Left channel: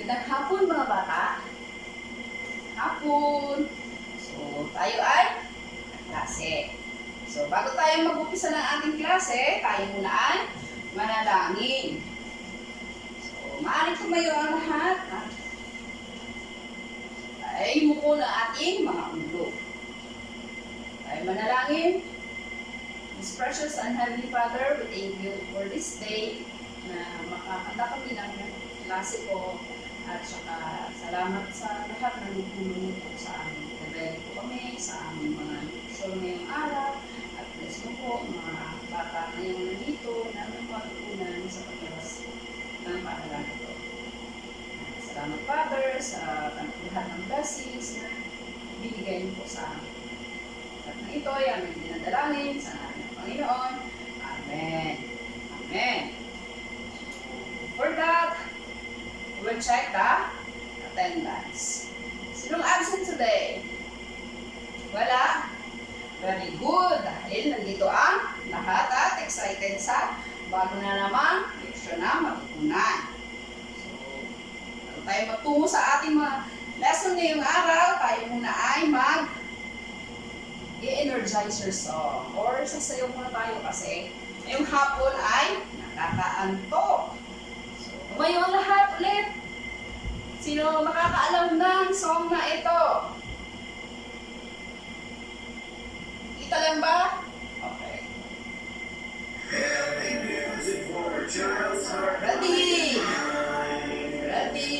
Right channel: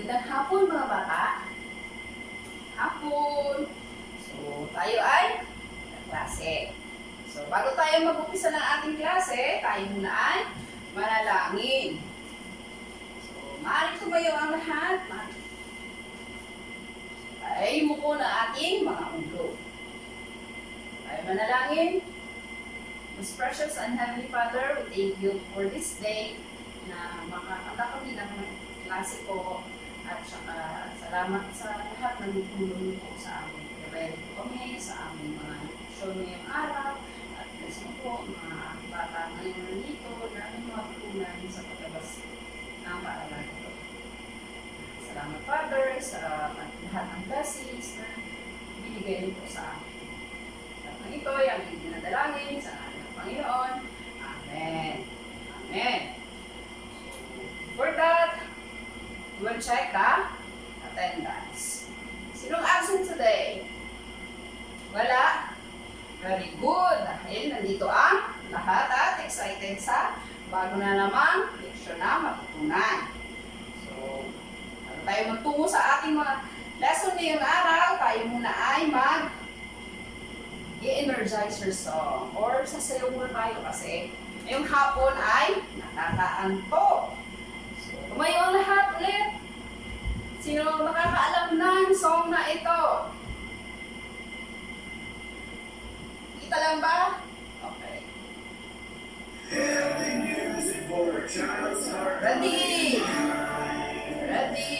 Magandang hapon mga bata. Hapon. So, tayo ay klase. So, bago tayo mag-upisa ng ating klase, tayo muna ay manalangin. So, maaaring tumayo ang lahat. Ay muko ng ating mga ulo. Tayo manalangin. Most precious and Heavenly Father, we thank you for this day na makakanta kami ng klase po. At saka salamat sa lahat ng nagtulong niyo po sa amin. Gabayan po kami sa aming mga show ngayong araw. At bless mo po mga bata na yung nandito na may matutunan sa paglabas ng paaralan ito. Salamat Father sa lahat ng blessings na binigay niyo po sa amin. At na ito ay aming dinadalangin sa ngalan ng Panginoon. Amen. Amen. For that, we'll check the attendance. Sinong absent today? Wala? Very good. Dahil nandito ang lahat at excited sa bago na namang leksyon na matutunan. So, bago tayo magtungo sa ating mga lesson ngayong araw, tayo muna ay i-energizer song or sasayaw muna tayo kasi ngayong hapon ay nakakaantok. Tumayo ang lahat ulit. Sino ang makakaalam ng song na ito? Kita lang ba? Okay. Ready? Ready?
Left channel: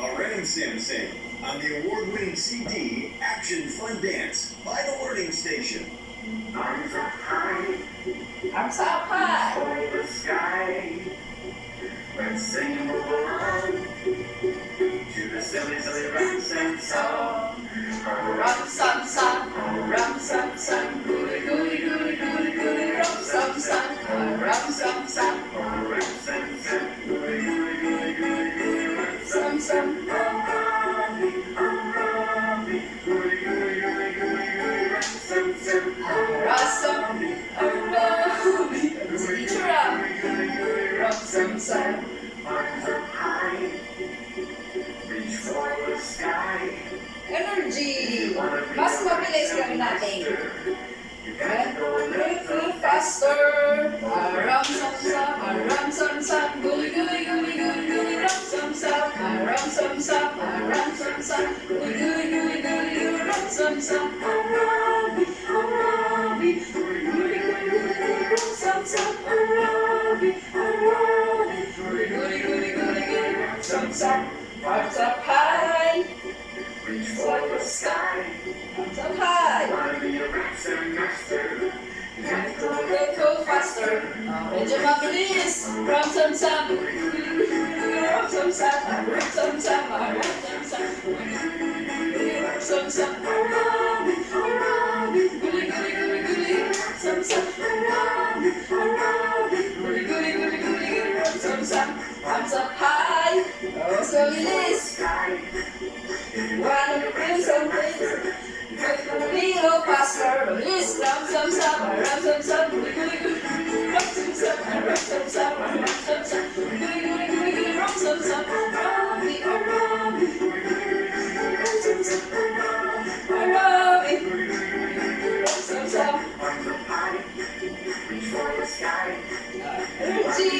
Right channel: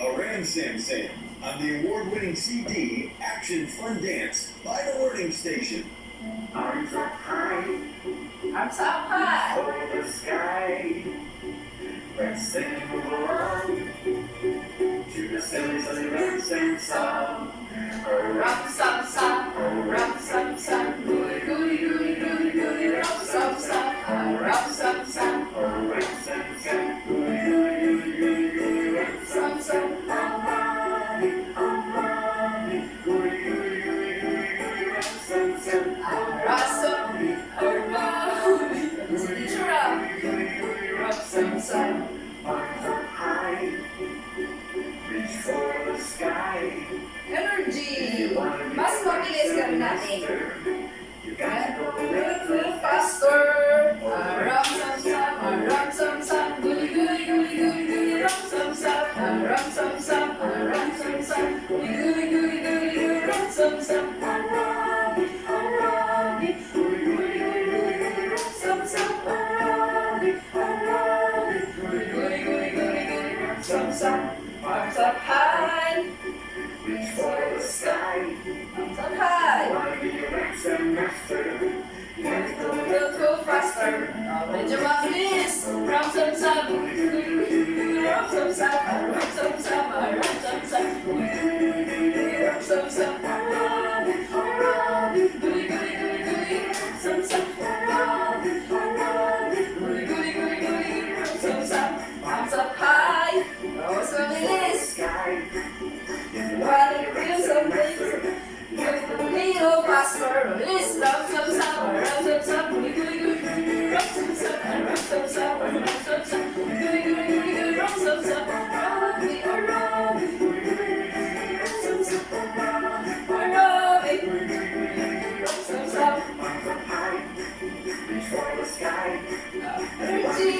A Ram Sam Sam on the award-winning CD Action Fun Dance by the Learning Station. Arms up high, Arms up high. toward the sky. Let's sing and move along to the silly, silly Ram Sam song. Rum sam sam, rum sam sam, gooey gooey gooey gooey gooey, rum sam sam, rum sam sam, Ram Sam Sam, gooey, gooey, gooey, gooey, gooey, Ram Sam Sam. Arabi, Arabi, gooey, gooey, gooey, gooey, gooey, Ram Sam Sam. Arabi, Arabi, teacher up, rum sam sam. Arms up high, reach for the sky. Energy, mas mabilis lang natin. You got to go a Little faster. Rum sam sam, rum sam sam, gooey gooey gooey gooey gooey, rum sam sam, rum sam sam, rum sam sam, gooey gooey gooey gooey gooey, rum sam sam. Arabi, Arabi, gooey, gooey, gooey, gooey, gooey, rum sam sam. Arabi, Arabi, gooey, gooey, gooey, gooey, gooey, rum sam sam. Arms up high, Reach for the sky. arms up high. Wanna be a Ram Sam master? You got to go a Go faster. Medyo mabilis. Rum sam sam, rum sam sam, rum sam sam, rum sam sam, rum sam sam. Arabi, Arabi, Gooey gooey gooey gooey, rum sam sam. Arabi, Arabi, Gooey gooey gooey gooey, rum sam sam. Arms up high. Mas mabilis. sky. Wanna feel something? A little faster. Mabilis. Rum sam sam, rum sam sam, gooey gooey gooey, rum sam sam, rum sam sam, rum sam sam, gooey gooey gooey gooey, rum sam sam. Arabi, Arabi, rum sam sam, Arabi, rum sam sam. Arms up high, reach for the sky. Energy.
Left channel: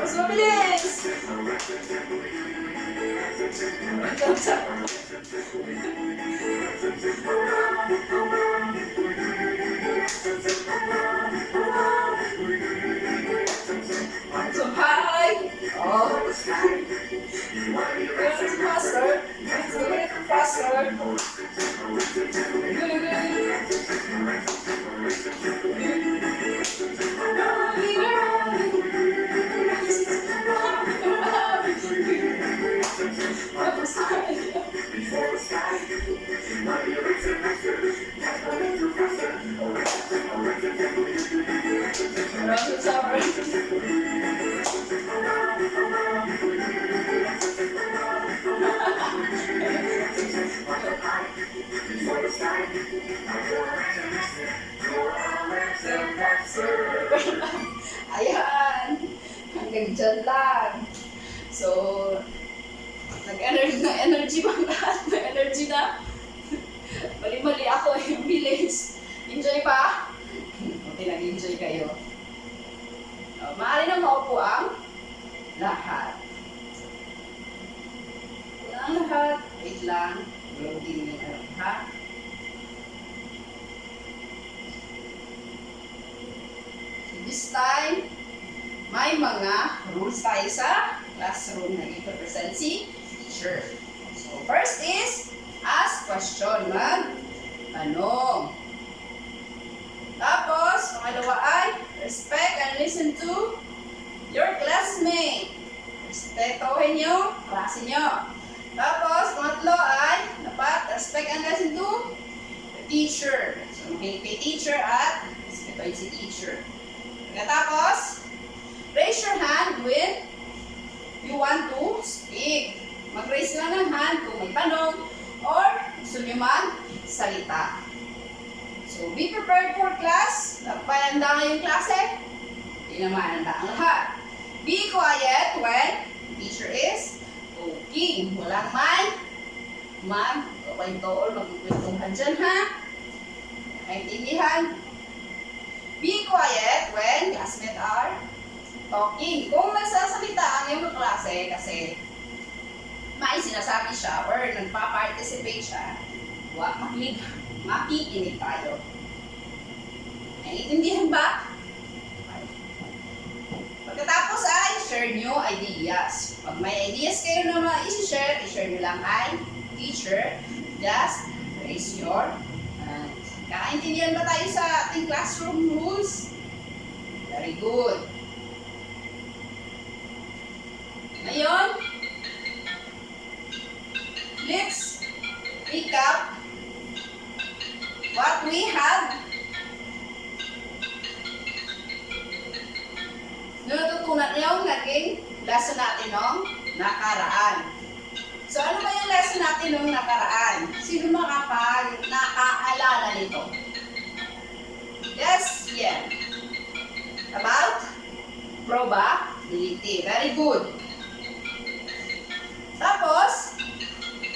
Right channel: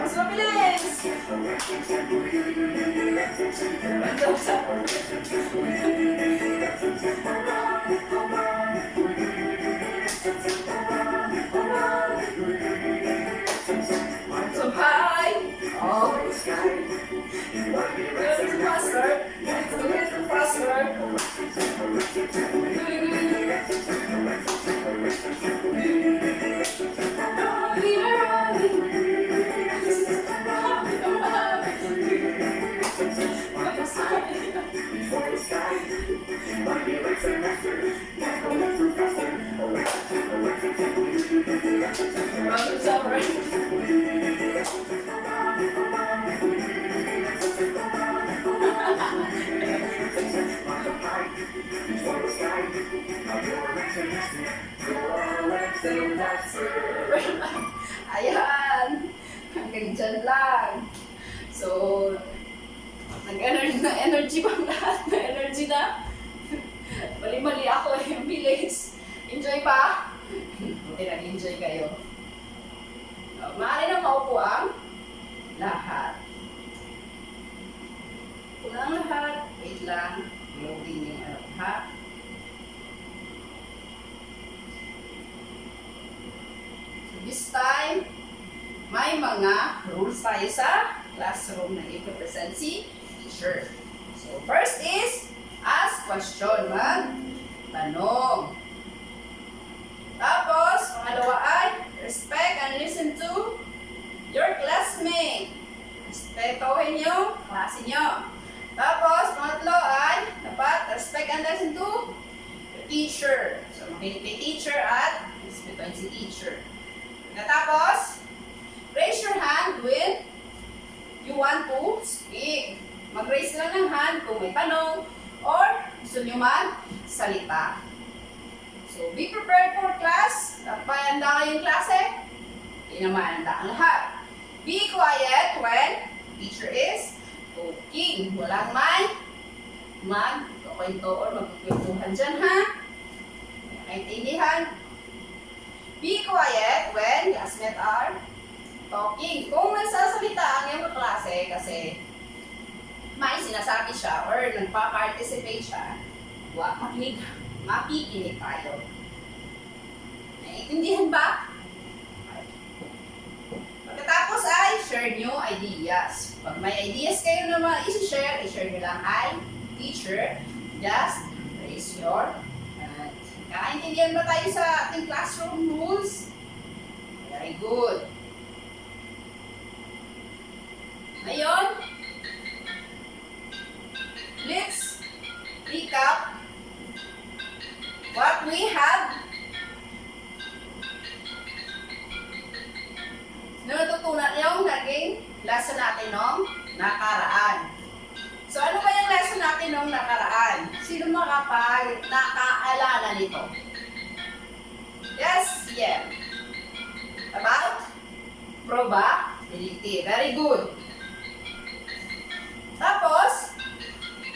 Mas mabilis. Rum sam sam. Arms up high. Oh, The sky. You wanna be a Ram little Sam faster. Little faster. Reach for the sky. You wanna be a Ram Sam master? You got to go a little faster. A Ram Sam, classes. Ayan. Hanggang dyan lang. So, nag-energy na energy bang lahat? May energy na? Mali-mali ako eh. Bilis. Enjoy pa? Buti nag-enjoy kayo. So, maaari na maupo ang lahat. Una ang lahat. Wait lang. Loading yung ano, ha? So, this time, may mga rules tayo sa classroom na i-represent si teacher. So, first is, ask question. Mag-tanong. Tapos, pangalawa ay, respect and listen to your classmate. Respetuhin yung klase nyo. Tapos, pangatlo ay, dapat respect and listen to the teacher. So, makinig kay teacher at respetuhin si teacher. Pagkatapos, raise your hand when you want to speak. Mag-raise lang ng hand kung may tanong or gusto nyo mag-salita. So, be prepared for class. Dapat handa ngayong klase. Hindi naman handa ang lahat. Be quiet when teacher is talking. Walang may mag-kwento or magkukwentuhan dyan, ha? Nakaintindihan? Be quiet when classmates are talking. Kung nagsasalita ang iyong kaklase kasi may sinasabi siya or nagpa-participate siya, huwag makikinig tayo. Naiintindihan ba? Okay. Pagkatapos ay share new ideas. Pag may ideas kayo na i-share, i-share nyo lang ay teacher. Just raise your hand. Kakaintindihan ba tayo sa ating classroom rules? Very good. Ngayon, let's recap what we have. Natutunan yung naging lesson natin nung nakaraan. So, ano ba yung lesson natin nung nakaraan? Sino nakaalala nito? Yes, yeah. About probability. Very good. Tapos,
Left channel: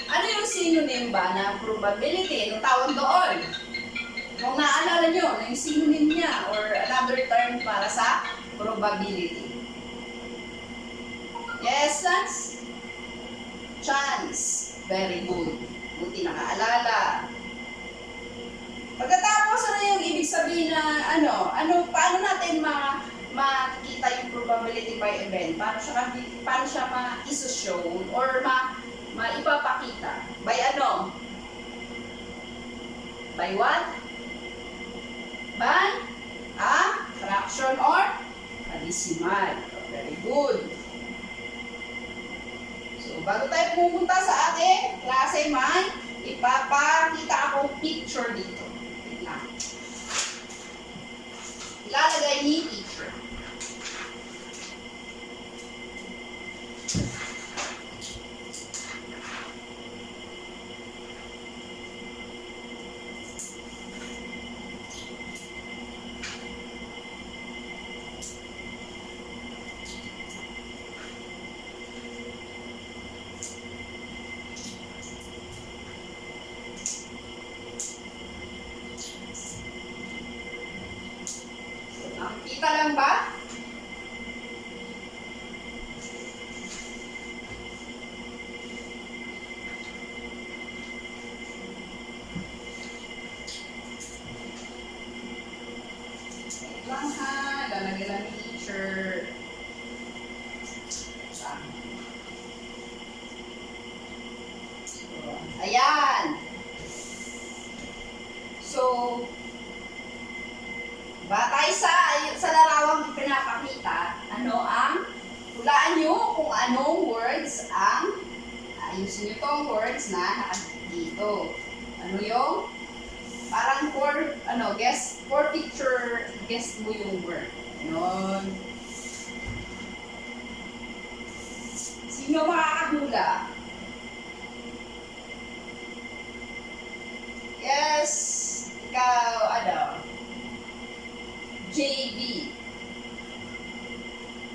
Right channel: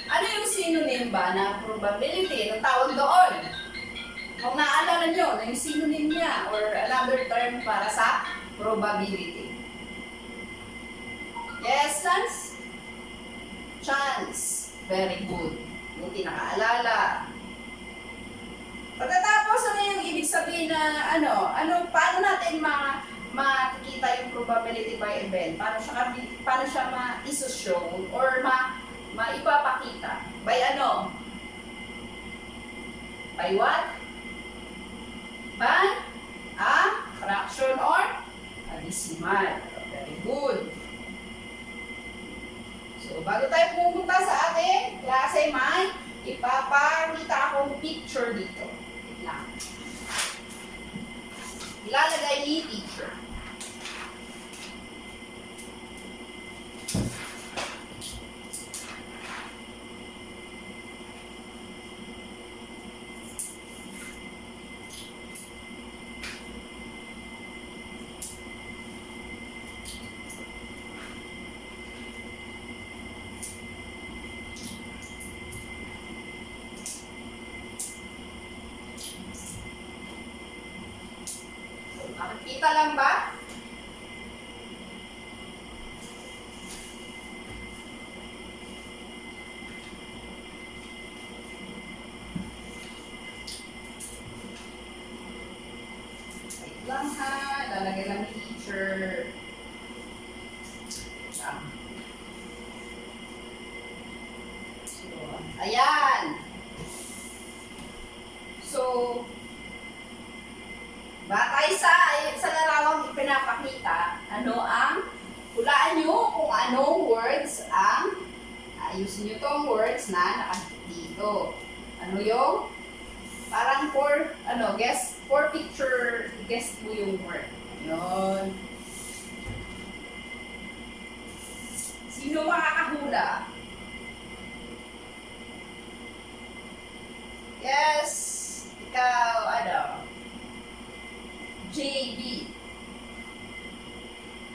ano yung synonym ba ng probability? Anong tawag doon? Kung naaalala nyo, yung synonym niya or another term para sa probability. Yes, Lance? Chance. Very good. Buti nakaalala. Pagkatapos, ano yung ibig sabihin na paano natin makikita yung probability by event? Paano siya ma-iso-show or maipapakita? By ano? By what? By a fraction or a decimal. Very good. So, bago tayo pumunta sa ating klase, may ipapakita akong picture dito. Wait lang. Ilalagay ni teacher. Nakikita lang ba? Wait lang ha. Lalagay lang ni teacher. So, ayan. So, batay sa larawang pinapakita, hulaan nyo kung anong words ayusin nyo tong words na nakadito. Ano yung, parang for picture, guess mo yung word. Ayun. Sino makakahula? Yes, ikaw, JB.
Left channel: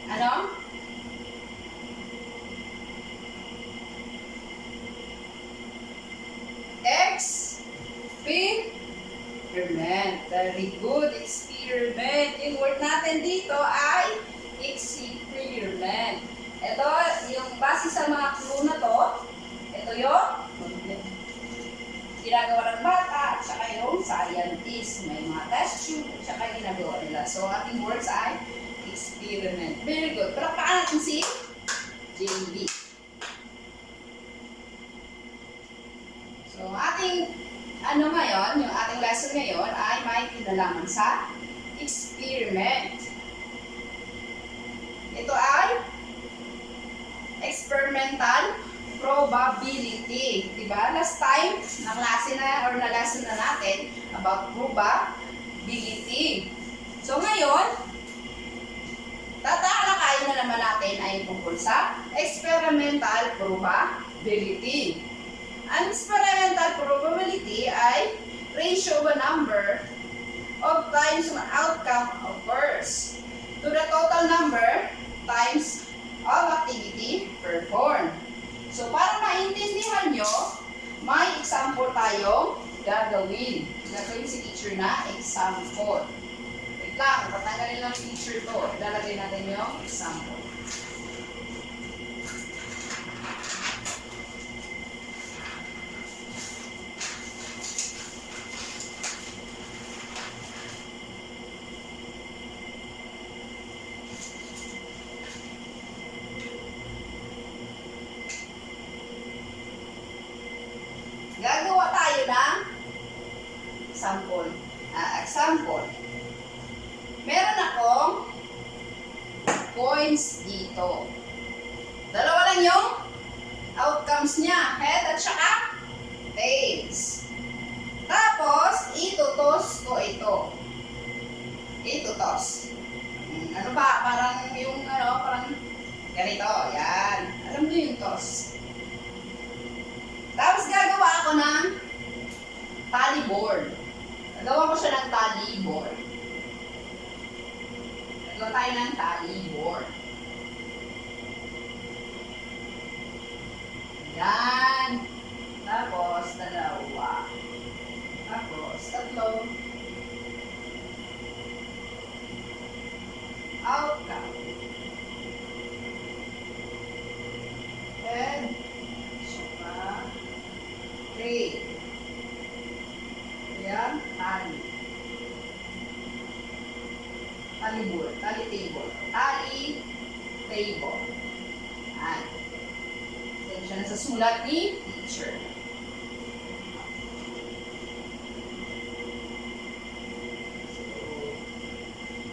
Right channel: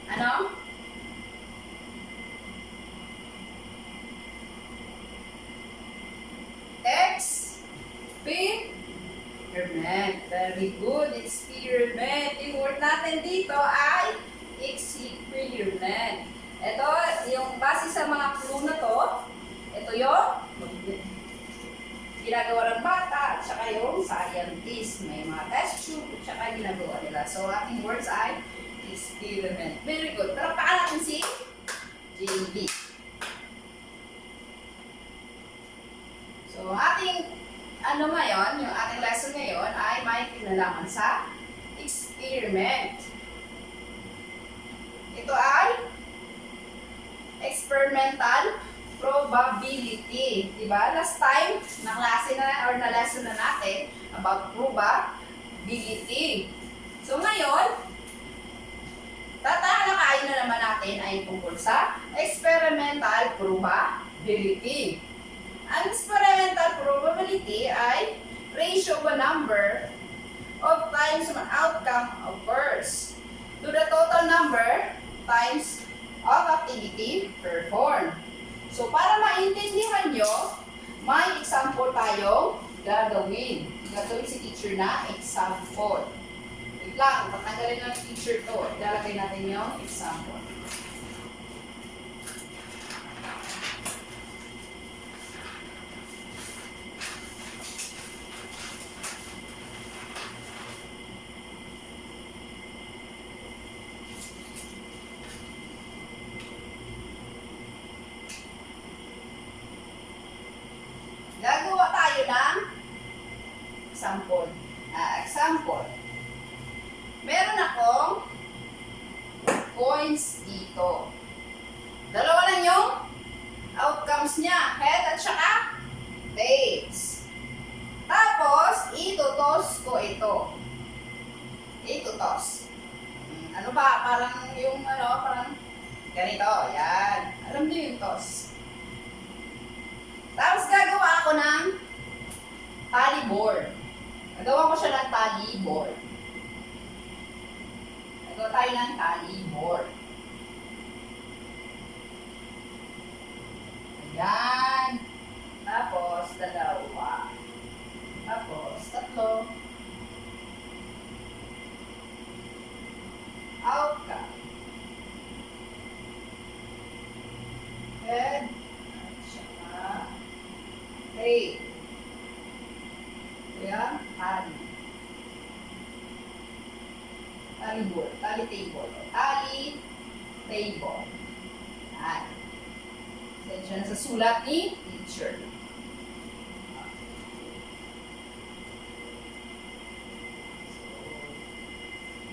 Ano? Experiment. Very good. Experiment. Yung word natin dito ay experiment. Ito, yung base sa mga clue na to, ito yung ginagawa ng bata at saka yung scientist. May mga test tube at saka ginagawa nila. So, ating words ay experiment. Very good. Palakpakan natin si JB. So, ating ngayon, yung ating lesson ngayon ay may kinalaman sa experiment. Ito ay experimental probability. Diba? Last time, na-klase na or na-lesson na natin about probability. So, ngayon, tatalakayin na naman natin ay tungkol sa experimental probability. Ang experimental probability ay ratio of a number of times an outcome occurs to the total number times of activity performed. So, para maintindihan nyo, may example tayong gagawin. Gagawin si teacher na example. Wait lang, patanggalin lang yung teacher to. Ilalagay natin yung example. Gagawa tayo ng example. Meron akong coins dito. Dalawa lang yung outcomes niya, head at saka tails. Tapos, itutos ko ito. Itutos. Ano ba? Parang yung parang ganito. Yan. Alam niyo yung toss. Tapos gagawa ako ng tally board. Gagawa ko siya ng tally board. Gagawa tayo ng tally board. Ayan. Tapos, dalawa. Tapos, tatlo. Outcome. Head. Tail. Ayan, tally. Tally board, tally table. Tally table. Ayan. Sensya na sa sulat ni teacher.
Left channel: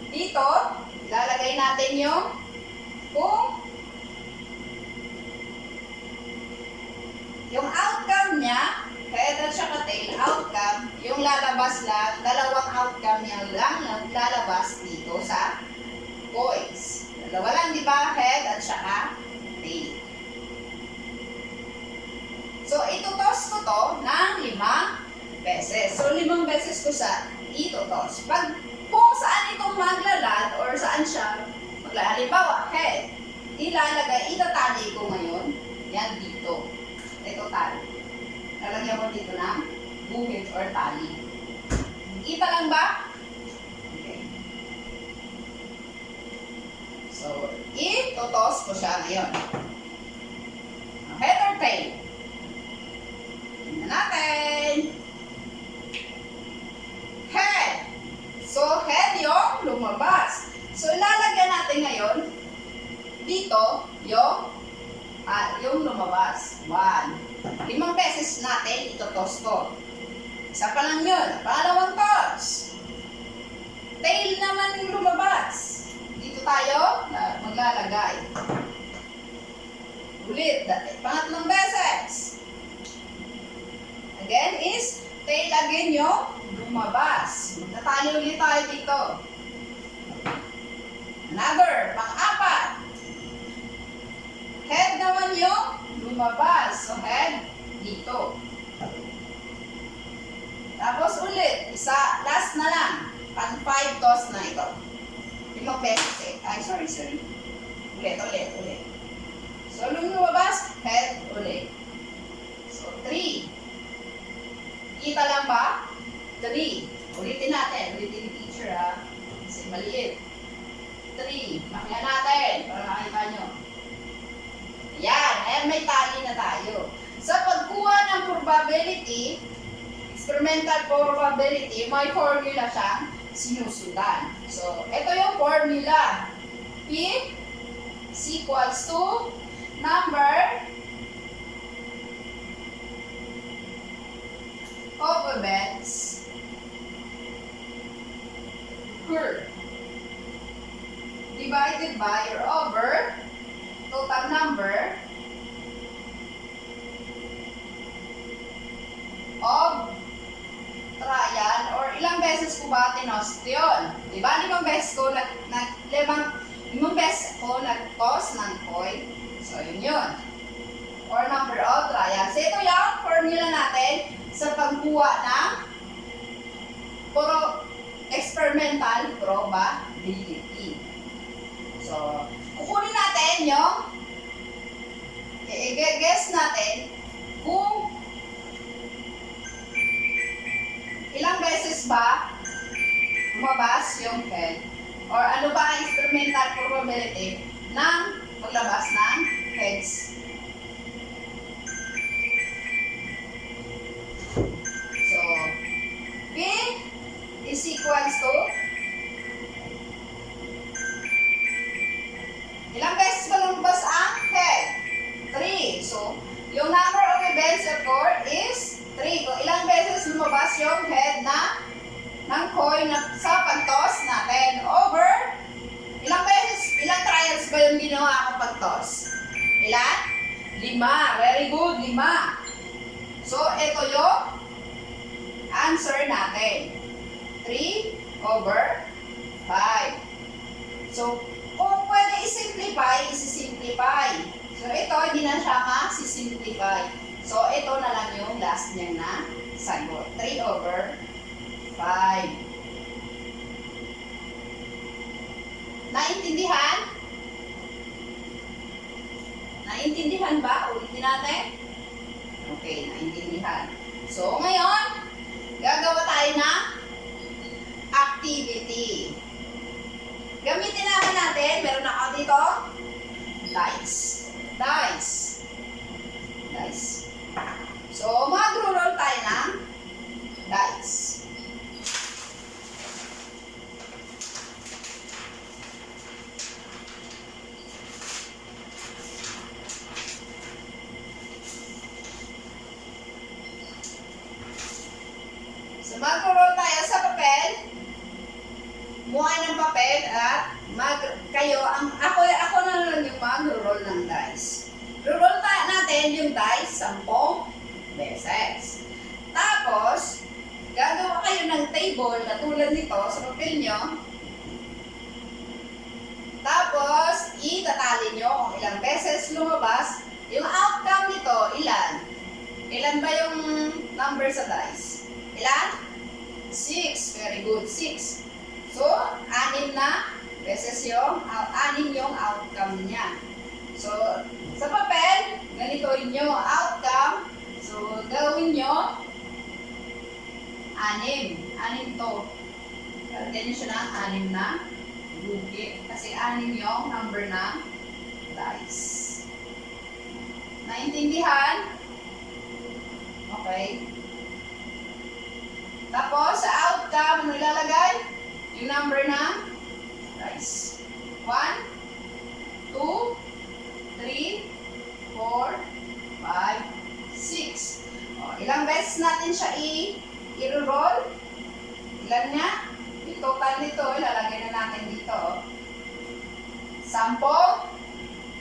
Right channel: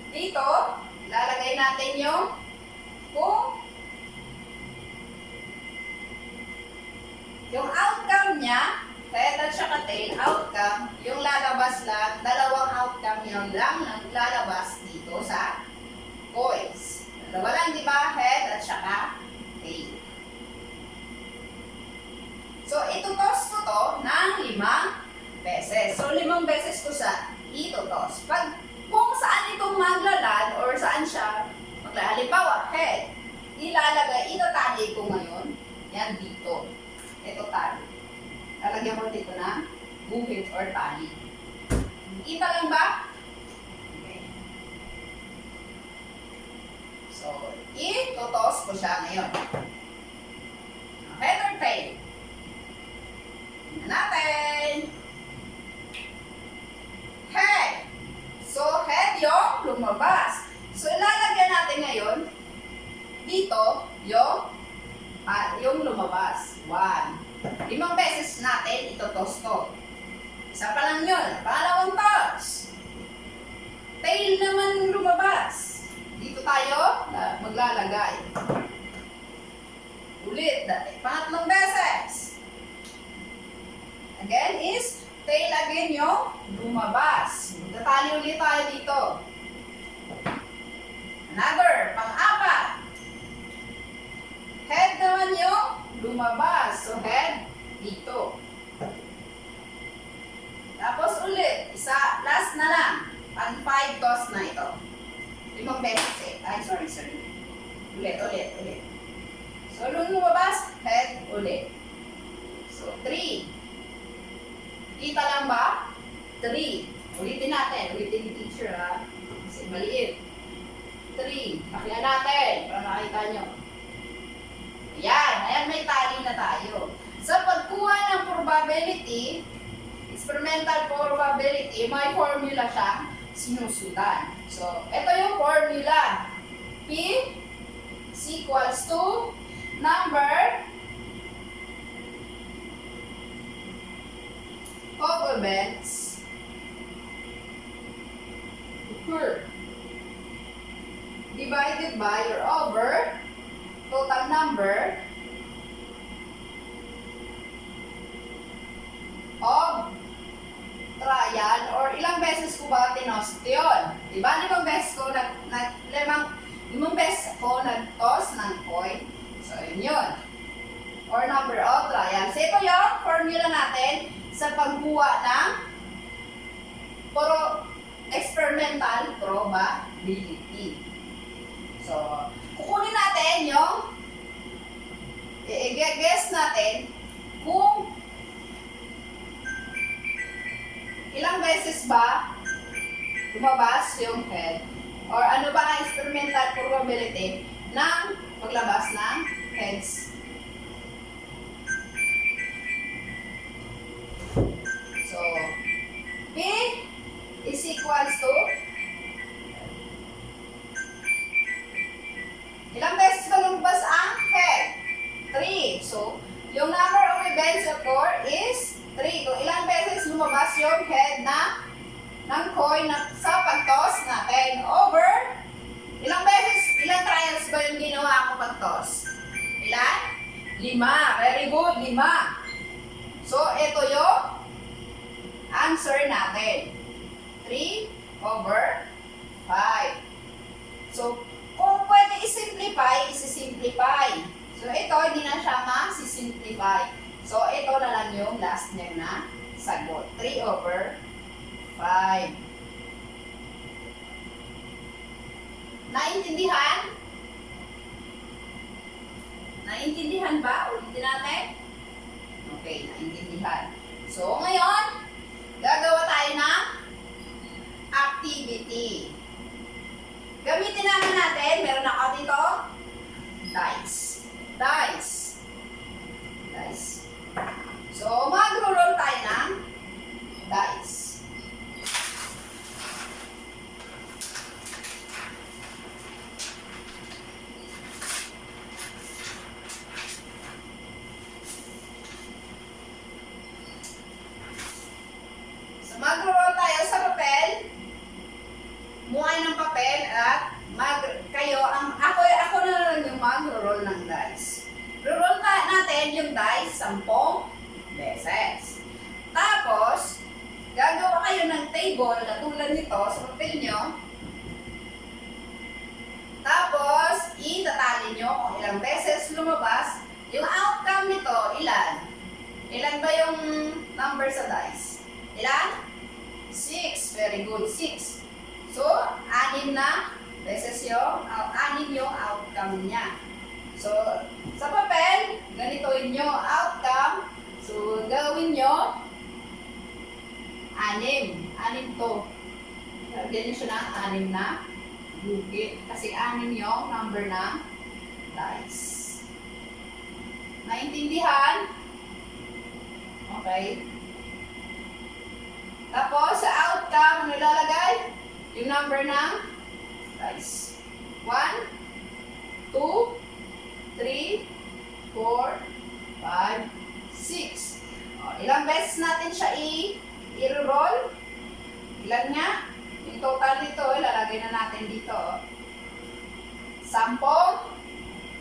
Dito, ilalagay natin yung outcome niya, head at saka tail, outcome, yung lalabas lang, dalawang outcome yung lang lalabas dito sa coins. Dalawa lang, di ba? Head at saka tail. So, itutos ko to ng 5 beses. So, 5 beses ko sa itutos. Kung saan itong maglalad or saan siya maglalad, halimbawa, head, itatali ko ngayon, yan dito. Ito tali. Lalagyan ko dito ng guhit or tali. Kita lang ba? Okay. So, itutos ko siya ngayon. Head or tail? Tingnan natin. Head. So, head yung lumabas. So, ilalagyan natin ngayon dito yung lumabas. 1. 5 beses natin itotos to. Isa pa lang yun. Pangalawang toss. Tail naman yung lumabas. Dito tayo maglalagay. Ulit. Pangatlong beses. Again is tail again yung lumabas. Magtatali ulit tayo dito. Another. Pang-4. Head naman yung lumabas. So, head dito. Tapos ulit. Isa. Last na lang. Pang 5 toss na ito. 5 beses eh. Ay, sorry. Ulit. So, nung lumabas, head ulit. So, 3. Kita lang ba? 3. Ulitin natin. Ulitin ni teacher ha. Kasi maliit. 3. Makihan natin para makita nyo. Ayan. Ayan, may tali na tayo. Sa pagkuha ng probability, experimental probability, may formula siyang sinusundan. So, ito yung formula. P is equals to number of events occurred divided by or over total number of trial or ilang beses ko ba tinost yun? Diba? 5 beses ko limang beses ko nag-toss ng coin. So, yun. Or number of trials. So, ito yung formula natin sa pagkuha ng experimental probability. So, kukunin natin yung i-guess natin kung ilang beses ba lumabas yung head or ano ba ang experimental probability ng paglabas ng heads. So, P is equals to ilang beses ba lumabas ang head? 3. So, yung number of events occur is 3. Kung ilang beses lumabas yung head ng coin na sa pag-toss natin over ilang beses, ilang trials ba yung ginawa ko pag-toss? Ilan? 5. Very good, 5. So, ito yung answer natin. 3 over 5. So, kung pwede i-simplify, isi-simplify. So, ito, hindi na siya ma-simplify. So, ito na lang yung last niya na sagot. 3 over 5. Naintindihan? Naintindihan ba? Ulitin natin. Okay, naintindihan. So, ngayon, gagawa tayo ng activity. Gamitin naman natin, meron ako dito, dice. So, mag-roll tayo ng dice. So, mag-roll tayo sa papel. Muhay ng papel at ako na lang yung mag-roll ng dice. Roll natin yung dice 10 beses. Tapos, gagawa kayo ng table na tulad nito sa papel nyo. Tapos, itatali nyo kung ilang beses lumabas. Yung outcome nito, ilan? Ilan ba yung number sa dice? Ilan? 6. Very good. 6. So, 6 na beses yung, 6 yung outcome niya. So, sa papel, ganitoin nyo outcome. So, gawin nyo 6. 6 to. Lagyan nyo siya ng 6 na gugit. Kasi 6 yung number ng dice. Naintindihan? Okay. Tapos, sa outcome, ano ilalagay? Yung number ng dice. 1, 2, 3, 4, 5, 6. O, ilang beses natin siya i-roll? Ilan nga? Yung total nito, ilalagay na natin dito. 10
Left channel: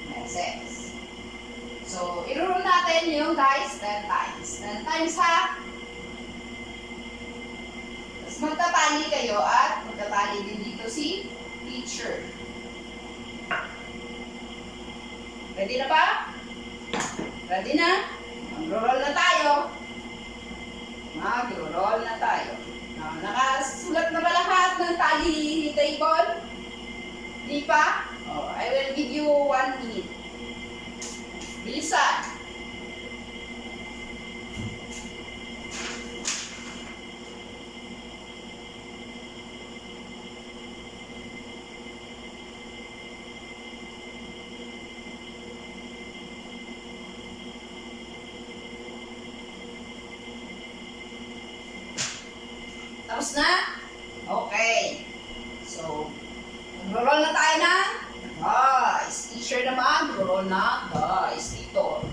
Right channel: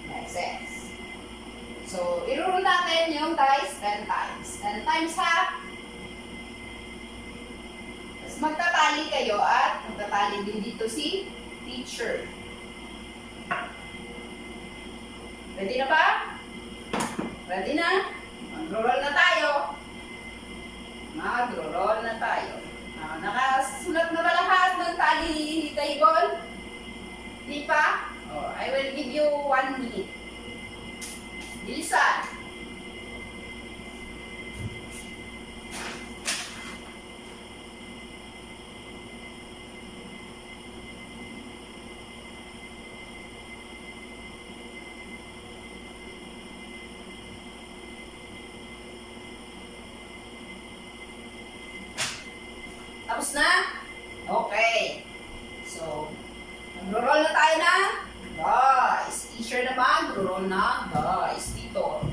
beses. So, i-roll natin yung dice 10 times. 10 times ha? Tapos magtatali kayo at magtatali din dito si teacher. Ready na ba? Ready na? Mag-roll na tayo. Mag-roll na tayo. Nakasulat na ba lahat ng tally table? Di pa? I will give you 1 minute. Bilisan. Tapos na? Okay. So, mag-roll na tayo na. Guys, teacher naman, mag-roll na. Guys, dito.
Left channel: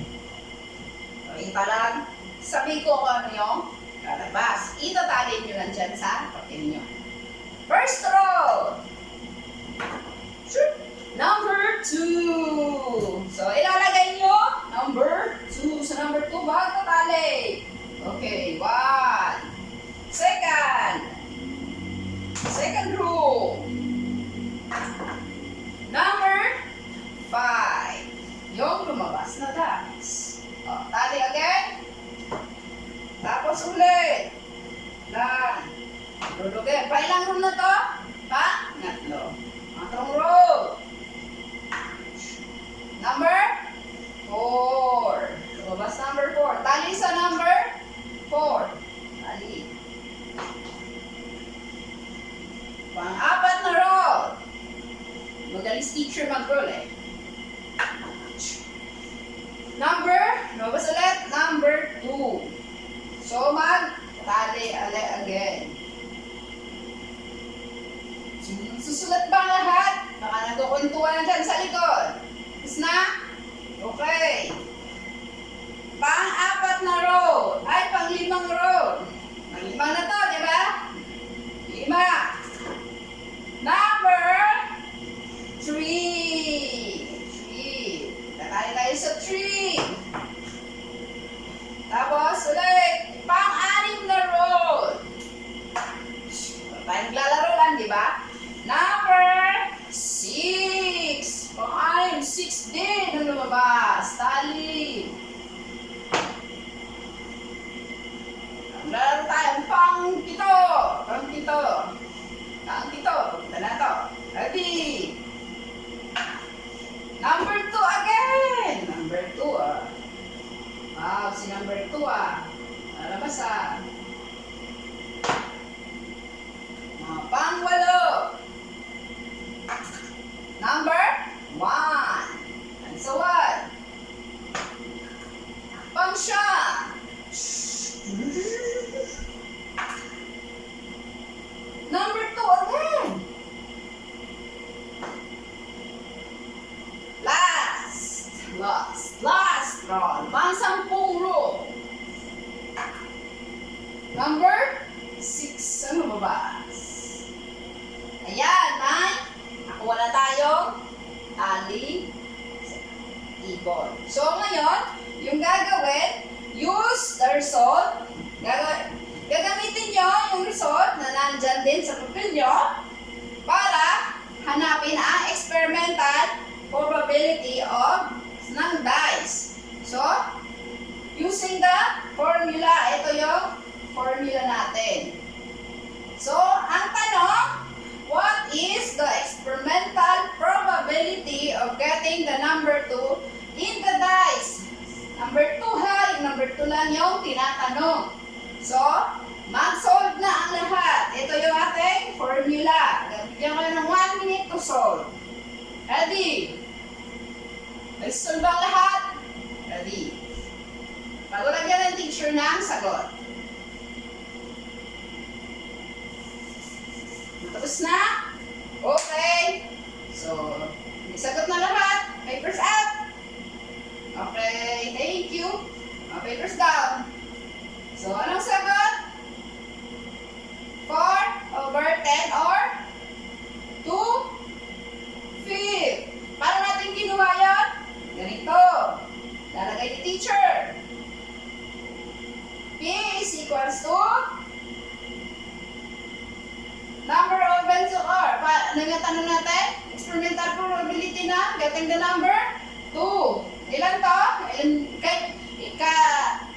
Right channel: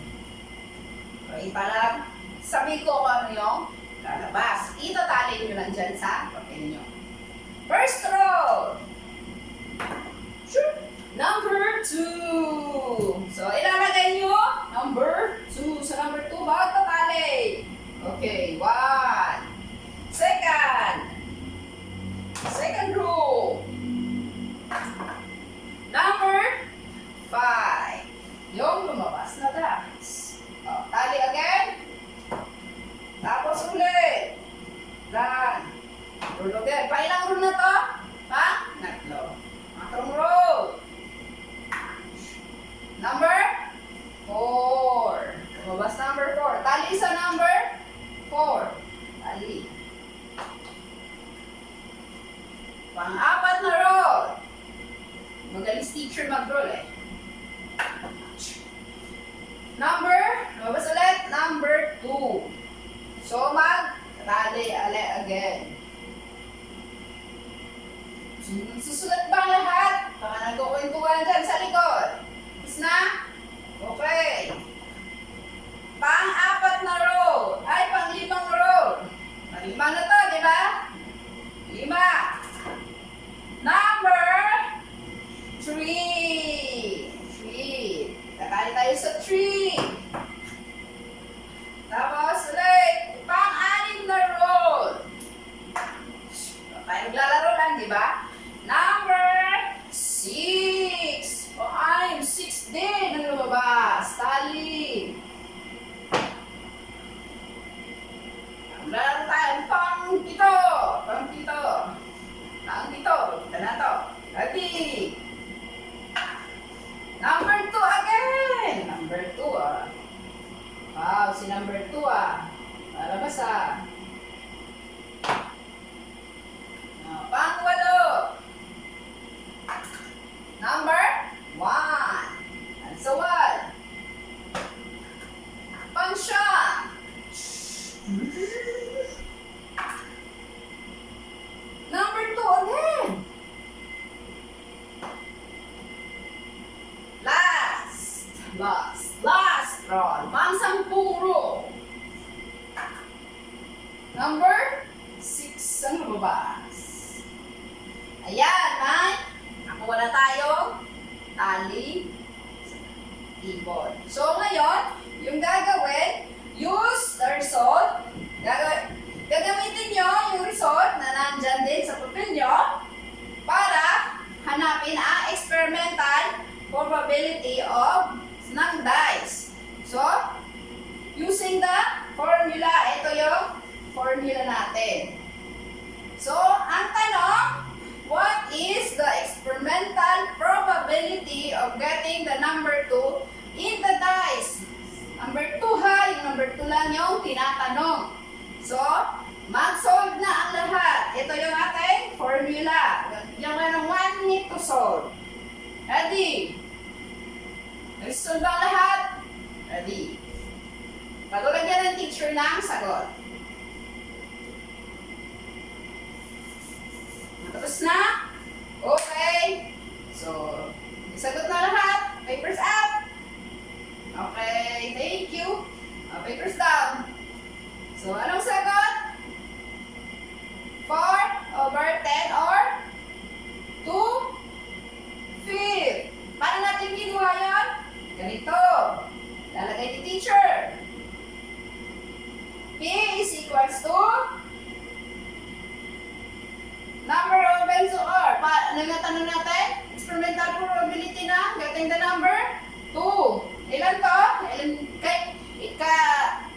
Kita lang. Sabi ko kung ano yung lalabas. Itatalin nyo lang dyan sa papel nyo. First roll. Number 2. So, ilalagay nyo number 2. Sa number 2, bawat tatali. Okay, 1. Second row. Number 5. Yung lumabas na dice. Tali again. Tapos ulit. Lan. Roll again. Pailang row na to? Pangatlo. Pangatlong row. Number 4. Lumabas number 4. Tali sa number 4. Tali. Pang-apat na roll. Magaling teacher mag-roll eh. Lumabas ulit, number 2. So, mag-tali again. Susulat ba lahat? Baka nagkukwentuhan na dyan sa likod. Tapos na? Okay. Pang-apat na roll. Ay, pang-limang roll. Pang-limang na to, di ba? 5. Number 3. 3. Nakali tayo sa 3. Tapos ulit, pang-anim na roll. Tayo naglalaro lang, di ba? Number 6. Pang-anim, 6 din ang lumabas. Tali. Naglalaro tayo pang-pito. Pang-pito. Punta na to. Ready? Number 2 again. Number 2 Wow, si number 2 Malabas Pang-8. Number 1. And so what? Pang-9. Number 2 again. Last roll. Pang-10 roll. Number 6 ang lumabas. Ayan, nakuha na tayong tali table. So, ngayon, yung gagawin, use the result. Gagamitin nyo yung result na nandyan din sa papel nyo para hanapin ang experimental probability of ng dice. So, using the formula, ito yung formula natin. So, ang tanong, what is the experimental probability of getting the number 2 in the dice? Number 2 yung number 2 lang yung tinatanong. So, mag-solve na ang lahat. Ito yung ating formula. Bigyan ko ng 1 minute to solve. Ready? Nag-solve ang lahat? Ready? Bago lagyan ng teacher ng sagot. Tapos na? Okay. So, sagot na lahat. Papers up. Okay, thank you. Papers down. So, anong sagot? 4/10 or 2/5. Paano natin kinuha yun? Ganito. Lalagay ni teacher. P is equals to number of benzo or. Ano yung tanong natin? Experimental probability na getting the number 2. Ilan to?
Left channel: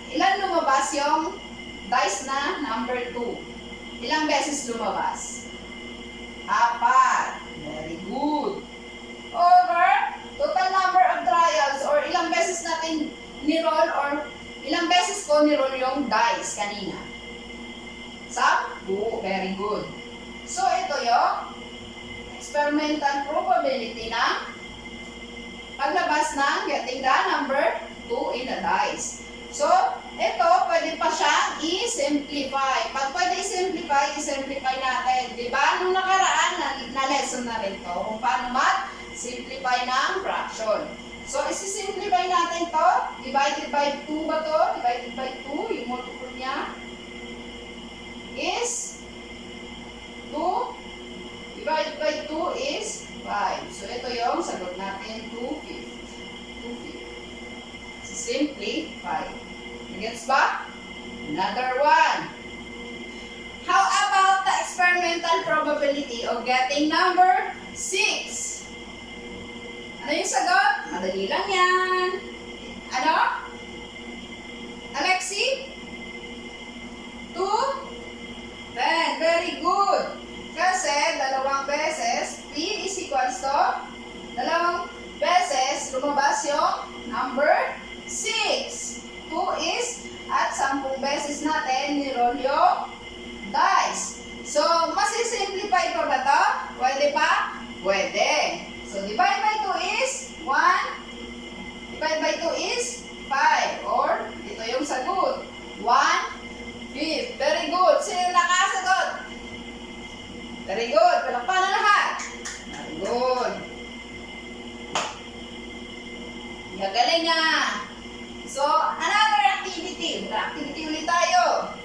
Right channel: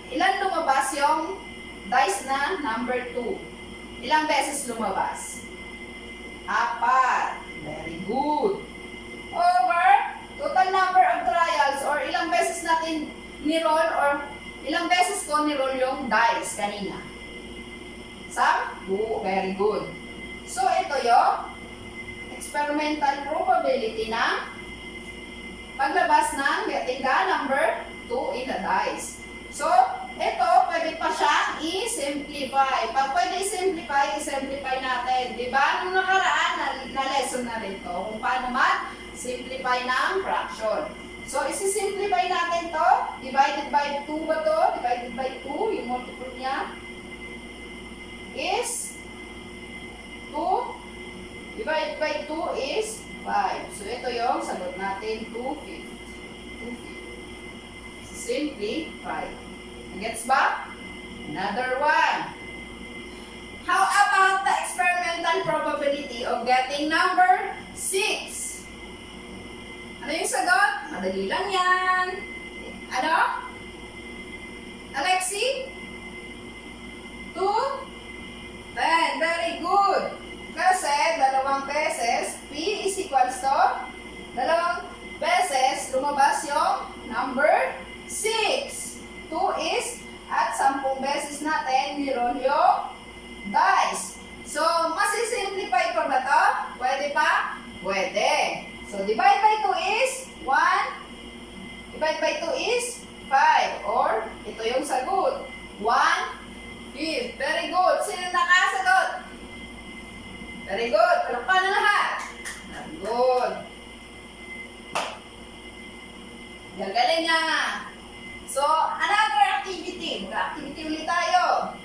Ilan lumabas yung dice na number 2? Ilang beses lumabas? 4. Very good. Over total number of trials or ilang beses natin ni-roll or ilang beses ko ni-roll yung dice kanina? 10. Very good. So, ito yung experimental probability ng paglabas ng getting the number 2 in the dice. So, ito, pwede pa siyang i-simplify. Pag pwede i-simplify natin. Di ba? Nung nakaraan, na lesson na rin to kung paano mag-simplify ng fraction. So, isi-simplify natin to. Divided by 2 ba to? Divided by 2, yung multiple niya is 2. Divided by 2 is 5. So, ito yung sagot natin, 2/5. Simplify. Gets ba? Another one. How about the experimental probability of getting number 6? Ano yung sagot? Madali lang yan. Ano? Alexi? 2? 10. Very good. Kasi dalawang beses, P is equals to, dalawang beses lumabas yung number 6. 2 is at 10 beses natin ni-roll yung dice. So, masisimplify pa ba to? Pwede pa? Pwede. So, divide by 2 is 1. Divide by 2 is 5. Or, ito yung sagot. 1/5. Very good. Sino nakasagot? Very good. Palakpan na lahat. Very good. Gagaling nga. So, another activity. Activity ulit tayo.